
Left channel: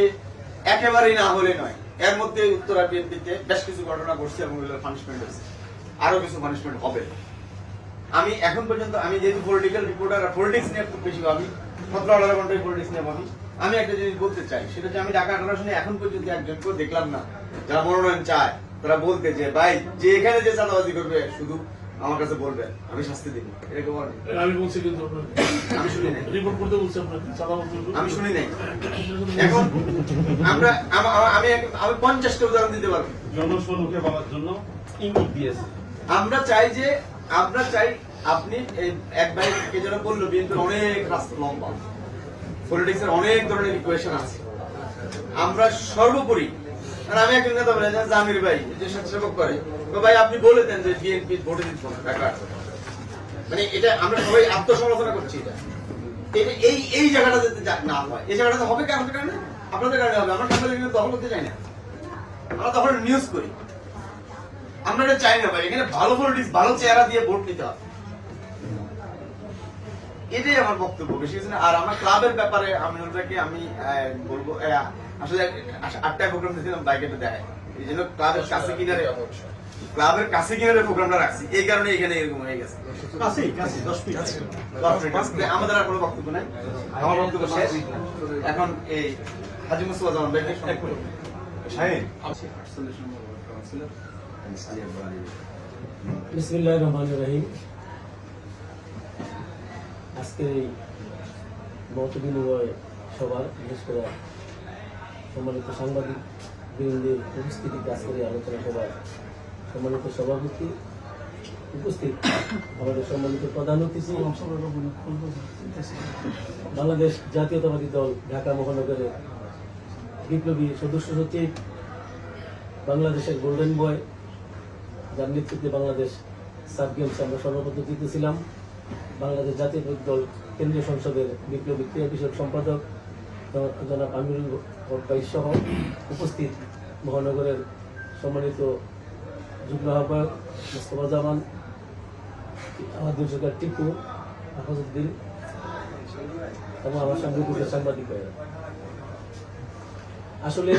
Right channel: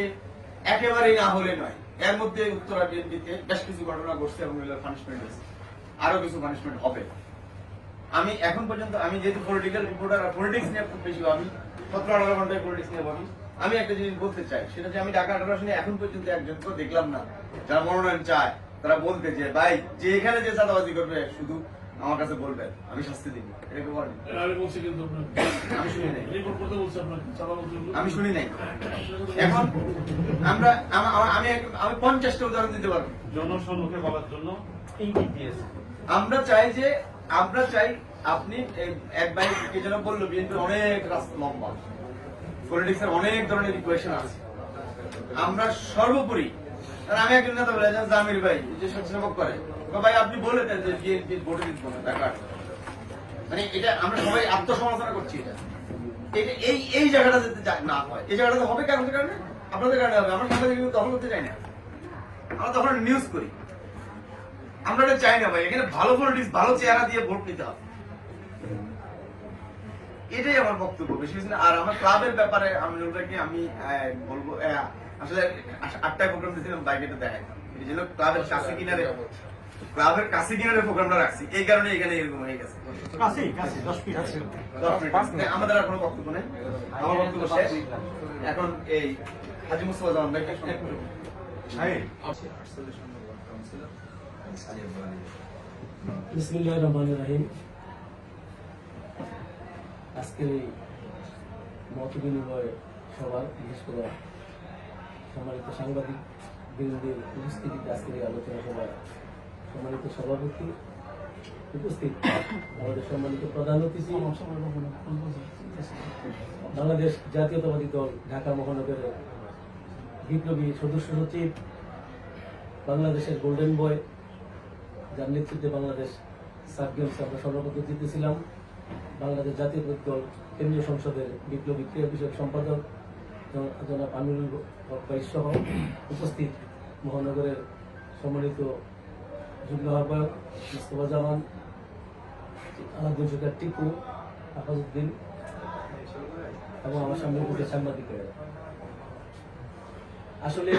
একেবারেই না হলে নয়। এর মধ্যে উত্তরা বিএনপিতে বেশ কিছু ঘটনা ঘটছে এবং পানিশমেন্ট হয়েছে, আরো কিছু পানিশমেন্ট হবে। আমি এখন পর্যন্ত আমি যেহেতু পলিটিক্যাল রিপোর্টার আর পলিটিক্স নিয়ে খুব বেশি ভাবি, 17-18 ঘন্টায় পলিটিক্স নিয়ে ভাবি, আমি একটা জিনিস বলতে চাই, সেটা হচ্ছে আমি ঢাকা 18 আসনে এখন পর্যন্ত একজনকেও দেখলাম না যারা মনোনয়ন চায় তারা বলতে যে ভাই যে এখানে যে চাঁদাবাজি করবে শুধু আমার কাছে বলবেন, আমি শাস্তি দিব। এটা কেউ বলেন? আমি বলছি কিন্তু আপনাকে আমি শুনি নাই, রিপোর্ট করতে বলছি আপনাকে চাঁদাবাজি আমি শুনি নাই। এখন আমরা আমি 50টা উদাহরণ দিতে পারবো। জনসম্মুখে বলার জন্য ইঙ্গিত দিয়েছে। আমরা চাই আপনি এক ভাই এই জন্য বললো বিএনপির অনেক রাস্তা লম্বা, পলিটিক্স এর অনেক ধরনের ইকুয়েশন আছে। আমরা সর্বোপরি, আর আমি একজন নেতা বলে জামির ভাই যে স্বেচ্ছাসেবক করে, তো ভাই আপনি বলে দেন যে বিএনপি ভোটে দিত না ঢাকা 18। মানে এটা আমরা সবাই আত্মসমালোচনা করছি। এটা এই জায়গাটা যাতে না হয়, এই জায়গাটা হবে কারণের কারণে, আপনাদের কারণে হবে। আমরা কাউকে দখল করতে চাই না, আমরা তখন নিউজ করি। আমরা এটা চাই না ভাই, এখানে ভালো পলিটিক্স, ভালো চেহারা দিয়ে ভোট নিতে হবে, এটাই আমার বক্তব্য, বেশি কিছু না। আর আমার ক্লাবের ব্যাপারে আমি বলবো আসলে 8টায় প্রোগ্রাম দিয়েছিলাম, বাইকে তো দেখাই, এই জন্য ক্লাবের কাছে কিনারে প্রোগ্রামটা রাখছি, এই কারণে এখানে এরকম হয়ে গেছে। 10 মিনিট আমাদের আর কোনো বক্তব্য নেই, আমার বক্তব্য শেষ। এখন এই হাজী মুস্তফা জামান ভাইকে বিসমিল্লাহির রহমানির রহিম। আজকের এই মত বিনিময় সভার, বিশেষ করে সম্মানিত সাংবাদিক বৃন্দের উপস্থিতিতে আজকের এই আলোচনা সভার সম্মানিত সভাপতি উপস্থিত, আমাদের সম্মানিত প্রধান অতিথি, বাংলাদেশ জাতীয়তাবাদী দল ঢাকা মহানগরের বিপ্লবী সদস্য সচিব, বাংলাদেশের গোল্ডেন বয় যার নেতৃত্বে বাংলাদেশ সাব গেমস আমরা সর্বপ্রথম জিতেছিলাম, বাংলাদেশ জাতীয়তাবাদী দল কেন্দ্রীয় সংসদের বিপ্লবী ক্রিয়া বিষয়ক সম্পাদক জনাব আমিরুল হক ভাই সহ উপস্থিত মহানগরের সম্মানিত যুগ্ম আহ্বায়ক মোস্তফা জামান, দুর্যোগের টিপু, আফাজউদ্দিন এবং আমার সামনে সাংবাদিক ভাইয়েরা। আসলে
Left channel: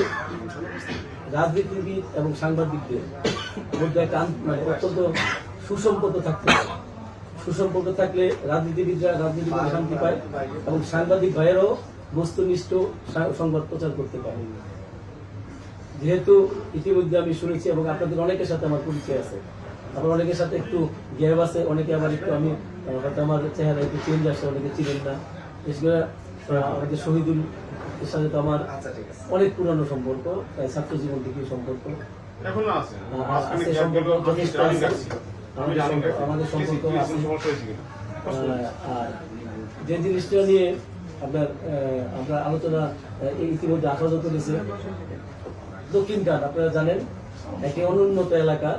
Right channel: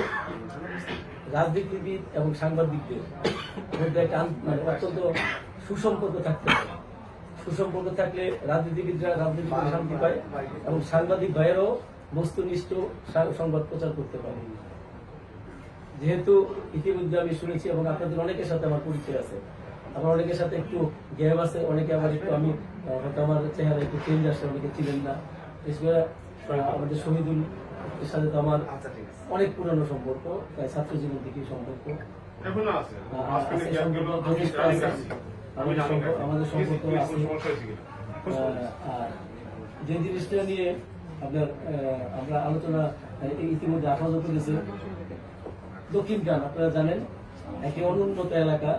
রাজনীতিবিদ এবং সাংবাদিকদের মধ্যে একটা অত্যন্ত সুসম্পর্ক থাকতে হবে। সুসম্পর্ক থাকলে রাজনীতিবিদরা রাজনীতি করে শান্তি পায় এবং সাংবাদিক ভাইয়েরাও বস্তুনিষ্ঠ সংবাদ প্রচার করতে পারে। যেহেতু ইতিমধ্যে আমি শুনেছি এবং আপনাদের অনেকের সাথে আমার পরিচয় আছে, আমার অনেকের সাথে একটু গ্যাপ আছে, অনেকে আমার একটু আমি হয়তো আমার চেহারা একটু চেঞ্জ আসে, অনেকে চিনেন না। আমাদের শহীদুল এর সাথে তো আমার অনেক পুরানো সম্পর্ক, প্রায় ছাত্র জীবন থেকে সম্পর্ক আছে, সম্পর্ক যথেষ্ট আছে, আমাদের সম্পর্ক আছে। আর যে জিনিসটা নিয়ে আমরা আলোচনা ইতিমধ্যে আঠারো করেছি, দক্ষিণটান আপনারা জানেন একটি অনুন্নত এলাকা,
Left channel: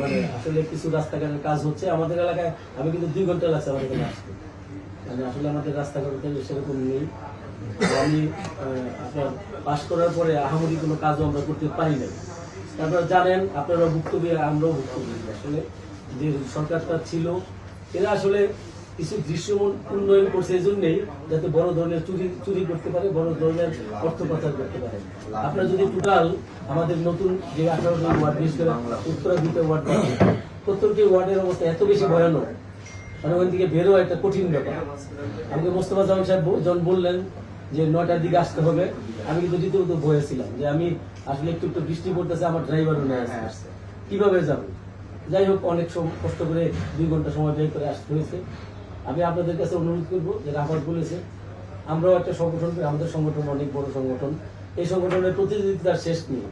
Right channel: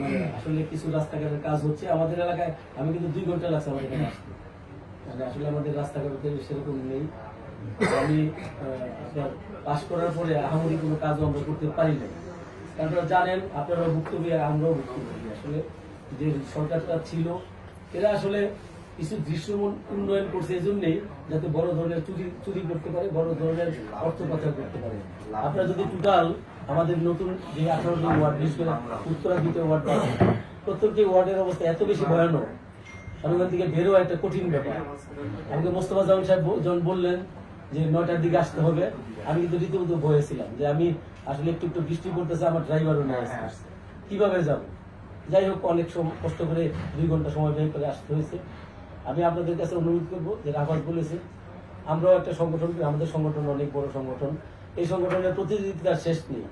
মানে আসলে কিছু রাস্তাঘাটের কাজ হচ্ছে আমাদের এলাকায়। আমি কিন্তু 2 ঘন্টা লাগছে আমাদের এখানে আসতে, মানে আসলে আমাদের রাস্তাঘাট সেরকম নেই। আমি আপনার পাশ করার পরে আহামরি কোনো কাজও আমরা করতে পারি না। আপনারা জানেন, আপনারা ভুক্তভোগী, আমরাও ভুক্তভোগী। আসলে যে সরকারটা ছিল এরা আসলে কিছু দৃশ্য উন্নয়ন করছে এই জন্যই যাতে বড় ধরনের চুরি করতে পারে, বড় ধরনের অর্থ পাচার করতে পারে। আপনারা যদি টোটাল আমাদের নতুন যে 18 জন ওয়ার্ড, বিশেষ করে উত্তরা 2টা ওয়ার্ড, প্রত্যেকটি ওয়ার্ডের অবস্থা এত বেশি ভয়ানক, মানে ওখান থেকে বেরোয়া একটা কঠিন ব্যাপার। আমাকে মোস্তফা জামান সাহেব যখন বললেন যে 9টার দিকে আসতে হবে, আমি কিন্তু রীতিমতো ভয়ে ছিলাম যে আমি আসলে একটু বৃষ্টি পড়তেছে, আমার ড্রাইভারও নিয়ে আসছে, কিভাবে যাব। যাই হোক, অনেক কষ্ট করে 2 ঘন্টা সময় ব্যয় করে আসতে হয়েছে। আমি আপনাদের কাছে অনুরোধ করবো, যে রাফাত বলেছে আমরাও একটা সংগঠন, আমাদের সংগঠন অনেক বড় সংগঠন, এই সংগঠনের প্রতিনিধিতার শেষ নেই।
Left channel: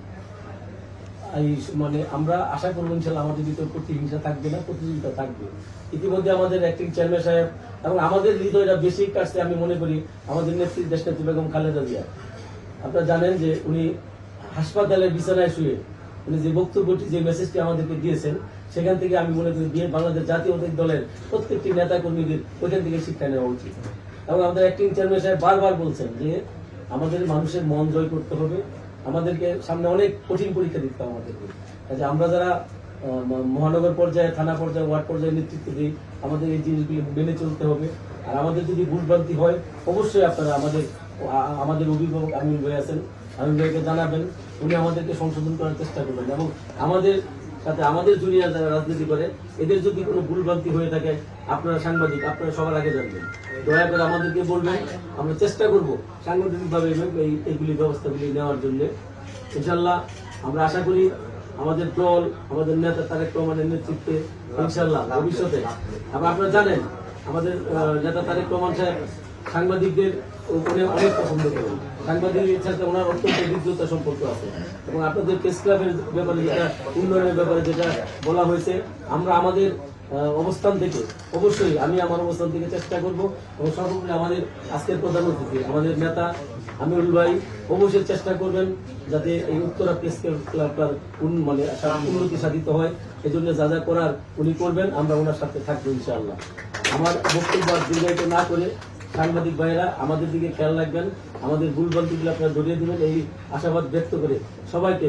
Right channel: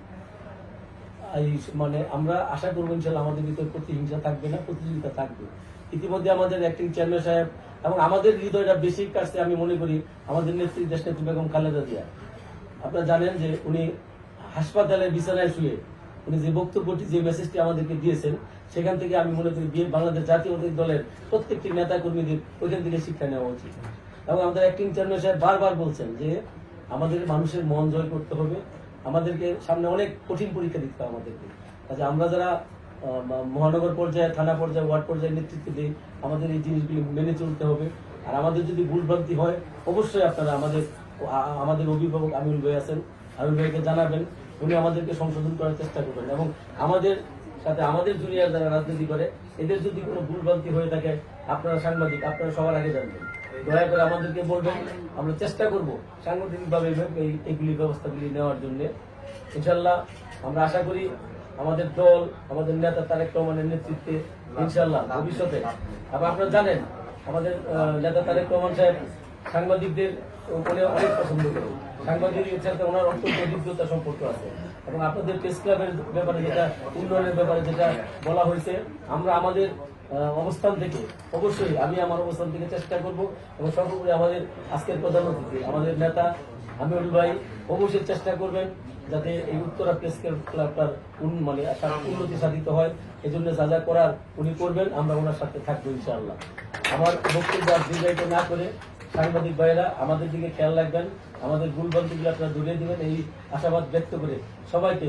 এই মানে আমরা আশা করবো ইনশাল্লাহ আমাদের ভিতর প্রতিহিংসা থাকবে না, প্রতিযোগিতা থাকবে। ইতিমধ্যে আমাদের অ্যাক্টিং চেয়ারম্যান সাহেব এবং আমাদের হৃদয়টা বেশি কাটছে আমি মনে করি আমাদের নেত্রী দেশনেত্রী বেগম খালেদা জিয়া। আপনারা জানেন যে উনি হাসপাতালের বিছানায় শুয়ে উনি যে বক্তব্যটি, যে মেসেজটি আমাদেরকে দিয়েছেন, সেখান থেকে আমি মনে করি বাংলাদেশ জাতীয়তাবাদী দলের প্রত্যেকটি নেতা কর্মীদের ওইখান থেকে শিক্ষা নেওয়া উচিত। এবং আমাদের অ্যাক্টিং চেয়ারম্যান সাহেব বারবার বলছেন যে আমাদের মানুষের মন জয় করতে হবে, আমাদেরকে সামনে অনেক কঠিন পরীক্ষা দিতে হবে আমাদেরকে। কাজে আমরা যারা মহানগর পর্যায়ে, থানা পর্যায়ে, ওয়ার্ড পর্যায়ে নেতৃত্ব দিই, আমাদের এই জিনিসগুলি মেনে চলতে হবে। আর আমাদের যদি ভুলভ্রান্তি হয় অবশ্যই আপনারা আমাদের অভিভাবক আমিনুল ভাই আছেন, আমিনুল ভাইকে জানাবেন, উনি আমাদেরকে সংশোধন করার চেষ্টা করবেন। এবং আমাদের সাথে আমাদের জুনিয়র যারা রাজনীতি করে এদের যদি কোনো ভুলভ্রান্তি হয়ে থাকে, আপনারা সাংবাদিক, আপনারা সবার আগে জানবেন, দয়া করে আমাদেরকে বলবেন, আমরা চেষ্টা করব সাংগঠনিকভাবে এইগুলি ব্যবস্থাগুলি নেওয়ার জন্য। ইনশাল্লাহ আমরা আশা করি আমাদের দল, আমাদের নেতা তারেক রহমানের নেতৃত্বে ইনশাল্লাহ ভবিষ্যতে, এবং আপনারা জানেন আমাদের নেতা তারেক রহমান সাহেব সাংবাদিকদের উপরে অনেক পছন্দ করেন, সাংবাদিকদের সাথে ওনার অত্যন্ত হৃদ্যতা সম্পর্ক আছে। এবং আপনাদের প্রেস ক্লাবের ব্যাপারে যেটা, উন্নয়নের ব্যাপারে যেটা বলা হয়েছে, আমরা আমাদের অবস্থান থেকে অবশ্যই, আমি আমার অবস্থান থেকে চেষ্টা করব, এবং সর্বোপরি আমাদের আজকের প্রধান অতিথি আমাদের নেতা আমিনুল ভাই অবশ্যই চেষ্টা করবেন যাতে এই উত্তরা প্রেস ক্লাবটার মানে উন্নতি সাধিত হয়। এই জন্য যা যা করার উনি করবেন, আমরা ওনার সাথে থাকবো ইনশাআল্লাহ। আমার বক্তব্য আর দীর্ঘায়িত না করে সাংবাদিক ভাইয়েরা আমাদের দিকে খেয়াল রাখবেন, আমাদের ভুলভ্রান্তিগুলো আপনারা ধরিয়ে দিবেন, এই আশাবাদ ব্যক্ত করে সবাইকে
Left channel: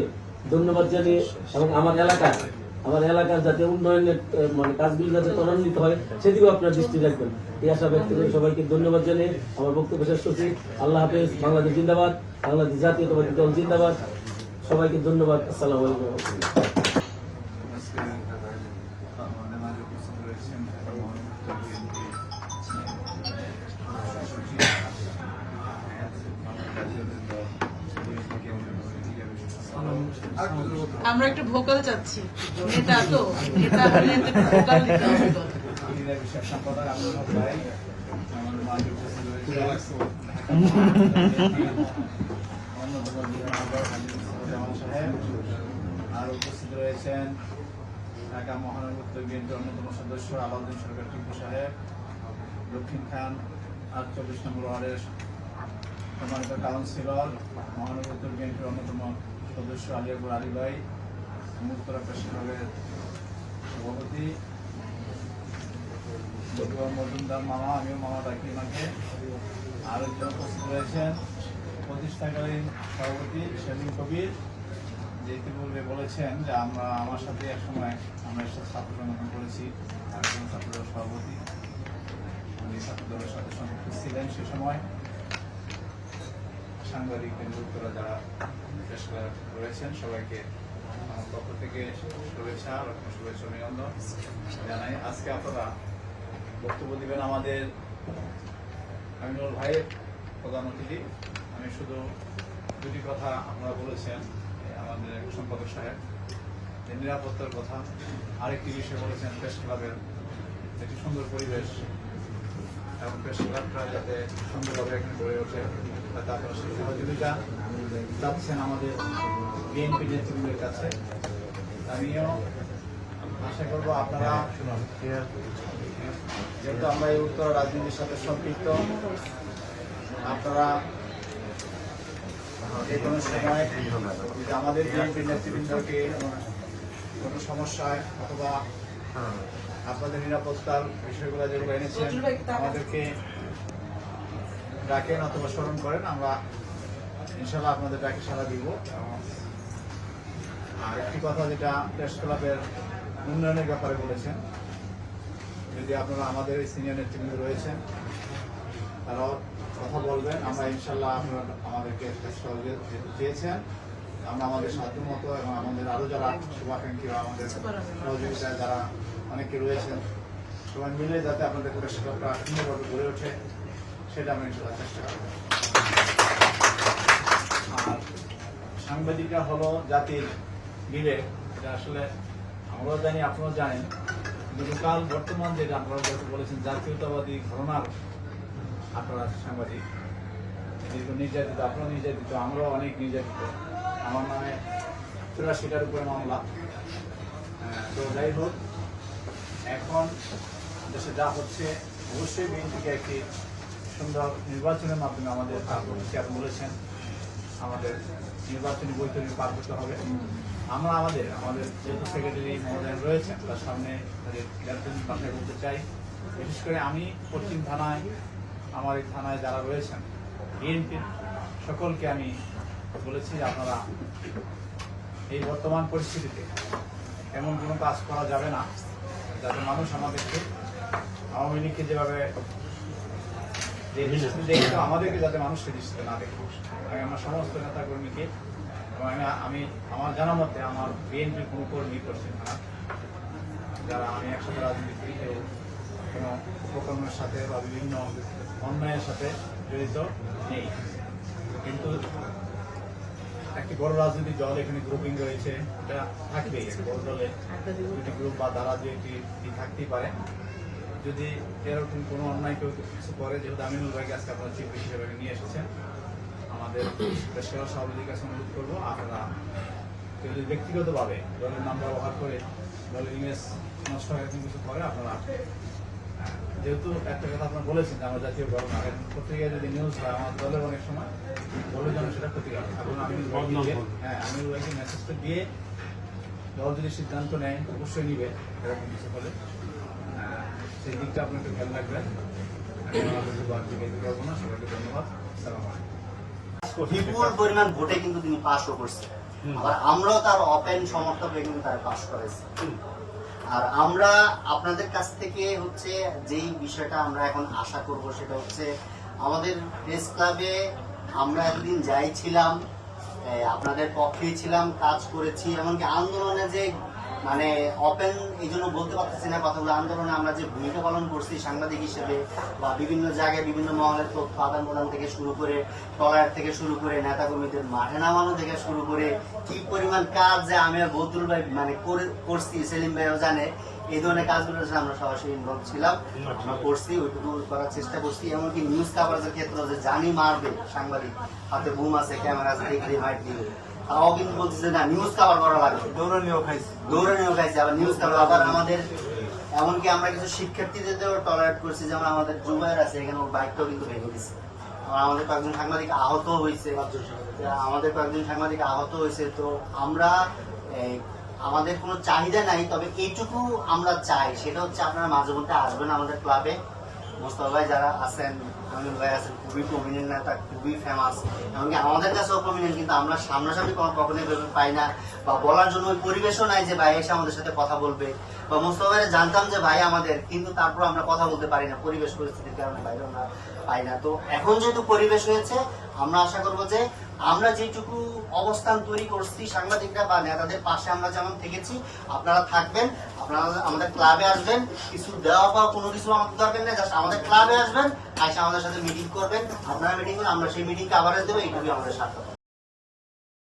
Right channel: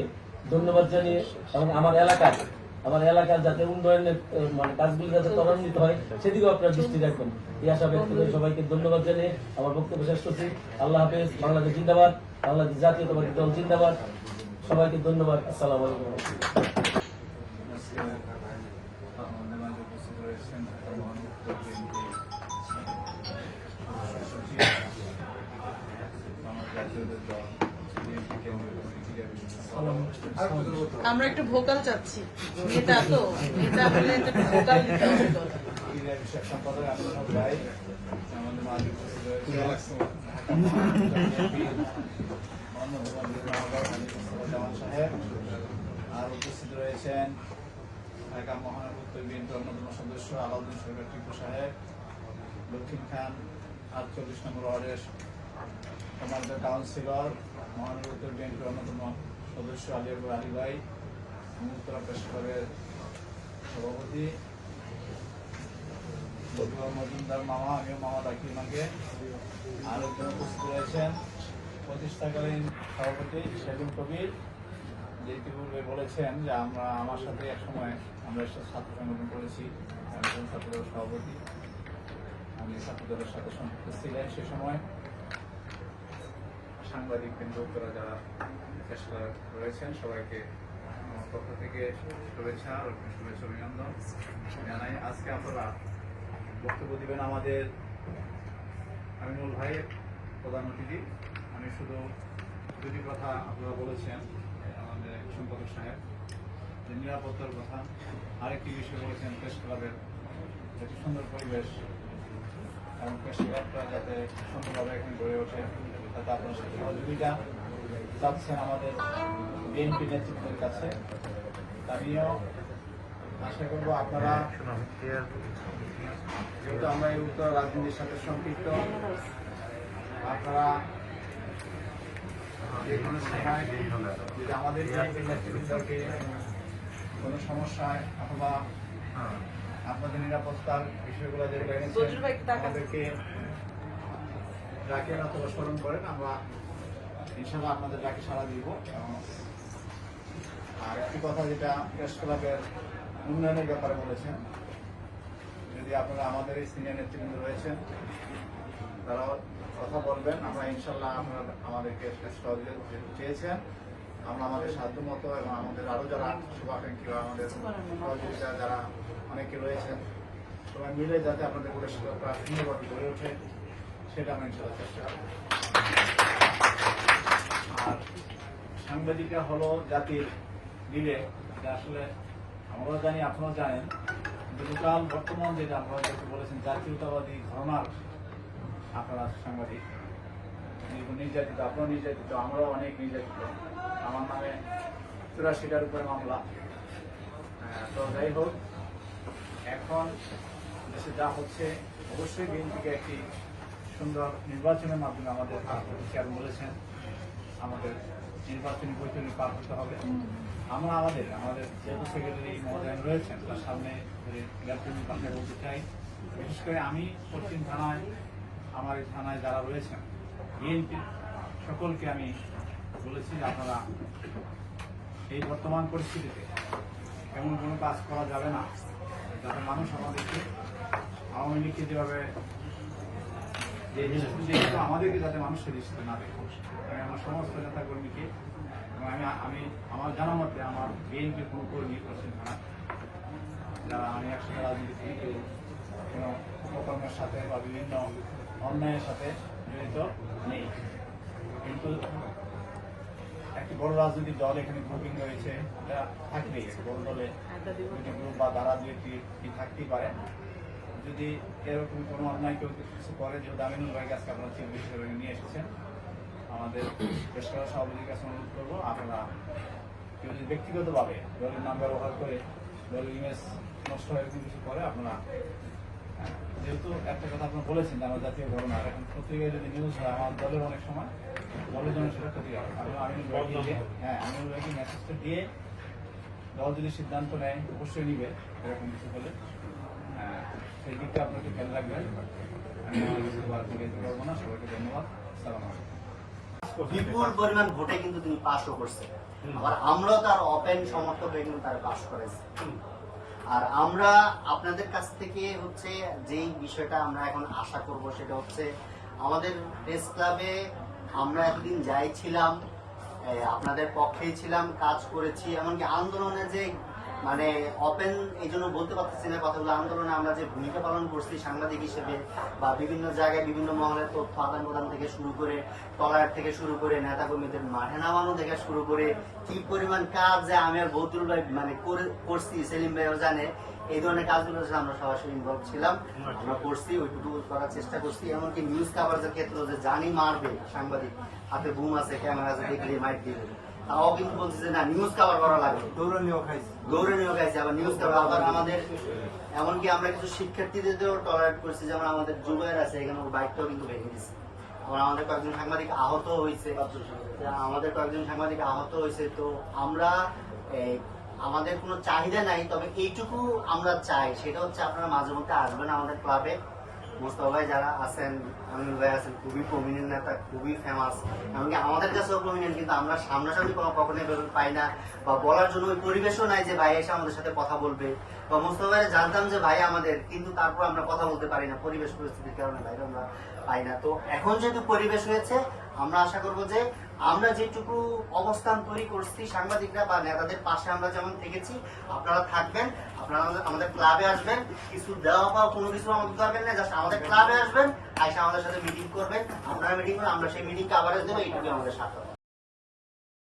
ধন্যবাদ জানিয়ে, এবং আমার এলাকার যাতে উন্নয়নের মানে কাজগুলি যাতে ত্বরান্বিত হয় সেদিকেও আপনারা দৃষ্টি রাখবেন, এই আশা ব্যক্ত করে সবাইকে ধন্যবাদ জানিয়ে আমার বক্তব্য শেষ করছি। আল্লাহ হাফেজ। বাংলাদেশ জিন্দাবাদ, বাংলাদেশ জাতীয়তাবাদী দল জিন্দাবাদ। সবাইকে ধন্যবাদ। আসসালামু আলাইকুম। আমরা একটু ভোকাল চাচ্ছি, এটা তো এটা বলে একটু ভোকাল দিতে হবে। বিষয় সম্পাদক আমিনুল ভাই, আমাদের মালিক সাহেব, আর উপস্থিত রয়েছেন ঢাকা মহানগর উত্তর বিএনপির অন্যতম সদস্য আলাউদ্দিন সরকার টিপু সাহেব, দক্ষিণ খান 48 নম্বর ওয়ার্ডের সম্মানিত কাউন্সিলর, মহানগর উত্তর বিএনপির অন্যতম সদস্য আলী আকবর আলী ভাই, উত্তরা প্রেস ক্লাবের সভাপতি মজুমদার মামা, আমিও মামা ডাকি মাকে, আর একজন উপস্থিত রয়েছেন প্রতিষ্ঠাকালীন সভাপতি সেলিম কবির, যে ইতিপূর্বে বলেছেন যে আমার সাথে এক সময় আমরা ছাত্র সংগঠন করেছি, ছাত্রদলের সভাপতি, আমি ছাত্রদলের সাথে সম্পৃক্ত ছিলেন সে সময়। সাংবাদিকদের লোকরা যারা প্রেস ক্লাব রয়েছেন সবাইকে আমার পক্ষ থেকে শুভেচ্ছা অভিনন্দন জানাই। আজকে আপনারা বক্তব্য দিবেন আমাদের আমিনুল ভাইয়ের প্রধান অতিথি। আমি শুধু দুটি কথা আপনারা বলেছেন, আমাদের সম্পাদক সাহেব, যে নিরাপত্তার কথা, আরেকটি বিষয় বলেছেন প্রেস ক্লাবের একটি সুন্দর পরিবেশ, এবং প্রেস ক্লাবটা যাতে সুন্দরভাবে এখানে গড়ে ওঠে, তাতে আপনারা সহযোগিতা চাচ্ছেন আমাদের বিএনপি নেতৃবৃন্দের কাছে। আমিও আশা করবো আপনারা, যেহেতু আমরা এই উত্তর রাজনীতির সাথে সম্পৃক্ত, আপনারা যে কোনো সময় আমাদের বিএনপি নেতৃবৃন্দকে কোনো সমস্যায় অথবা আপনাদের নিরাপত্তার বিষয়গুলো যেগুলো এনেছেন আমাদেরকে ডাকেন অথবা স্মরণ করেন, আমরা ইনশাল্লাহ আপনাদের ডাকে সাড়া দিব। আর একটি কথা যেটা প্রেস ক্লাবের উন্নয়নের ব্যাপারে বলেছেন, যদি আপনারা আমাদের এই সিনিয়র নেতৃবৃন্দ রয়েছেন তারাও কথা বলবেন, আমরা ইনশাল্লাহ আমাদেরকে সহযোগিতা চেয়েছেন, আমরা আমাদের সাধ্য মতো এবং আমাদের আরো যারা শুভাকাঙ্ক্ষী বা আমাদের সহযোগিতায় যারা অনেকে রয়েছেন সবাই মিলে যাতে আপনাদের প্রেস ক্লাবটা সুন্দরভাবে গড়ে ওঠে সেটা আমরা ইনশাল্লাহ চেষ্টা করব। আর সাংবাদিকরা হলো জাতির বিবেক, এটা আসলে আমরাও জানি আপনারাও জানেন, বিকাল বর্তমান যেটা আপনারা যেহেতু বলেছেন জাতীয়তাবাদী ঘটনার আপনারা সাংবাদিক, যেহেতু নির্যাতিত, আপনারাও নির্যাতিত, আমরাও অনেক নির্যাতিত। আমার নামে 84টার উপরে মামলা। তো যাই হোক, এখন দেশে যা হচ্ছে অবশ্যই বিএনপিকে একটি সুন্দর নির্বাচনের মাধ্যমে আমাদের পার করতে বলেছেন, আমাদের নির্বাচনী বৈঠকে পার করতে হবে। আমরা আমাদের যেহেতু সেক্রেটারি মহোদয় রয়েছেন তার সামনে তাদের গার্জেনিক বাসায় বলতে চাই। বিশেষ করে আমি পশ্চিম থানায়, আমার এই থানায় যারা রয়েছেন বিএনপির সকলকে আমি বলেছি যে আপনারা এই বর্তমান পরিস্থিতিতে এমন কোনো কাজ করা যাবে না যাতে মানুষ আমাদেরকে আওয়ামী লীগকে যেভাবে দেখতো আমাদেরকে যাতে মানুষকে দৃষ্টিতে না দেখে। আমরা সমস্ত নেতাকর্মীকে, এবং আমি আমার জানা মতে আমার বিএনপির কোনো কর্মী করছেন না যারা আমি একসাথে রাজনীতি কেউ কোনো উপকর্মের সাথে বা বিভিন্ন অন্যায়ের সাথে জড়িত নেই। কিন্তু একটি বড় রাজনৈতিক দল এখানে গ্রুপিং রয়েছে, এটা থাকবেই। বড় দলের দুটি গ্রুপ বা দ্বারা দু একটি থাকতেই পারে। যদি এরকম কোনো অন্যায় কেউ কিছু করে, যেহেতু আমিনুল ভাইকে আজকে আপনারা চিফ হিসেবে নিয়ে এসেছেন, আমাদের পেশাদার সভাপতির কাছে অনুরোধ করবো আপনারা কেউ যদি ব্যক্তিগতভাবে দলের নাম ব্যবহার করে দলের ইমেজ নষ্ট হয়ে এরকম কিছু করে, আপনারা যেহেতু একটা কথা আপনারা বলেছেন যে আমরা জাতীয় ঘটনা, এখন পত্রিকায় যদি নিউজ হয় আমার দলের অনেক সময় দলের জন্য সেটা ক্ষতিকারক। এবং আমিনুল ভাইকে মেসেজটা দিয়ে দল যদি সিদ্ধান্ত নেয় অবশ্যই নিবে এরকম কিছু হলে, সেই দিকটা আপনাকে খেয়াল রাখবেন। করবো না, সবাইকে ধন্যবাদ। সালাম আলাইকুম। বিপুল পরিমাণ ভোটে কিন্তু তিনি পাশও করছে, আবার আমরাও তার ওপেন সমর্থক হয়ে কিন্তু তারা পাশ করেছে। আর আমরা আপনাদের কাছ থেকে হচ্ছে যেই বিষয়টা আমরা এখন আশা করব সেটা হচ্ছে আমাদের প্রেস ক্লাবে আমরা একদিন যাই ছিলাম, আপনাদের পক্ষেই ছিলাম, কাজ করেছি, এমনকি আন্দোলনে যে মানে ওপেন এই জন্য বলতে পারতেছি না কথাগুলো, আন্দোলনে আমরা যে ভূমিকা পালন করছি সাংবাদিক হিসেবে বা বিভিন্ন জায়গায় বিভিন্ন মহলের তথ্য আদান প্রদান থেকে শুরু করে টলার থেকে শুরু করে নেতাকর্মীদের মাঠে নামানো থেকে শুরু করে কি পরিমাণ কাজ যে আমি আর বদরুল ভাই মানে করছি, সেলিম ভাইও জানে, এই ধরনের কাজগুলোর সাথে আমরা সরাসরি ইনভলভ ছিলাম, আমরা করছি, ওইটুকু করার চেষ্টা করছি। এমনকি নিউজ কাভারেজের ক্ষেত্রে যে জানি মারবে সাংবাদিক, হাতে বুম আছে, ক্যামেরা আছে, দেখলে মাইট দিবে, তাও কিন্তু বলছি যে না নিউজ কাভার করা লাগবে, দৌড়ানিও খাইছে, আবার নিউজ কাভার। আবার আমাদের এমনকি আমরা কিছু শিক্ষার্থীদেরও টলারেট করছি, যেমন আমাদের জুবাইর আছে এখানে, ওর বাইকটাও কিন্তু ভেঙে দিচ্ছে। আবার আমাদের কয়েকজন সাংবাদিক আহত হয়েছে, তো আমরা আমাদের কোনো চাহিদা নাই, তবে এইটুকু আমরা চাই সেটা হচ্ছে আপনারা মাঝে মধ্যে আসবেন আমাদের ক্লাবে। মোস্তফা ভাই যারা আছেন, আমিনুল ভাই আছেন, খুবই প্রমিনেন্ট নেতা, খুবই ফেমাস, এমনকি আমাদের কাছেও প্রমিনেন্ট, কিন্তু আমরা সামনাসামনি কখনোই পাই না বা বলার জন্য পরিবেশও নাই যে ভাই এসে আমাদের সাথে কথা বলবে। বা মোস্তফা ভাই জানতাম যে ভাই আমাদের, কিন্তু তারপর আমরা কথা বলতে পারি না, পরিবেশ পরিস্থিতির কারণে বাইরে আমরা পাই না। তো এখন যেহেতু পরিবেশ হয়েছে, আমরা আশা করবো যে আমরা যেটুকু অবস্থান তৈরি করছি সাংবাদিকরা বা নেতাদের পাশে আমরা যেমন থেকেছি, আপনারা থাকবেন, আপনারা আমাদের ক্লাবে আসবেন, কিছু দেওয়া পাওয়া কোনো কিছু আমাদের দরকার নেই, জাস্ট আমাদের ক্লাবে আসবেন, এসে আমাদের সাথে মিটিং করবেন, আপনারা মিটিং করবেন, আমরা সেই মিটিংকে আবার দেবো, এইটুকুই আমাদের সাথে।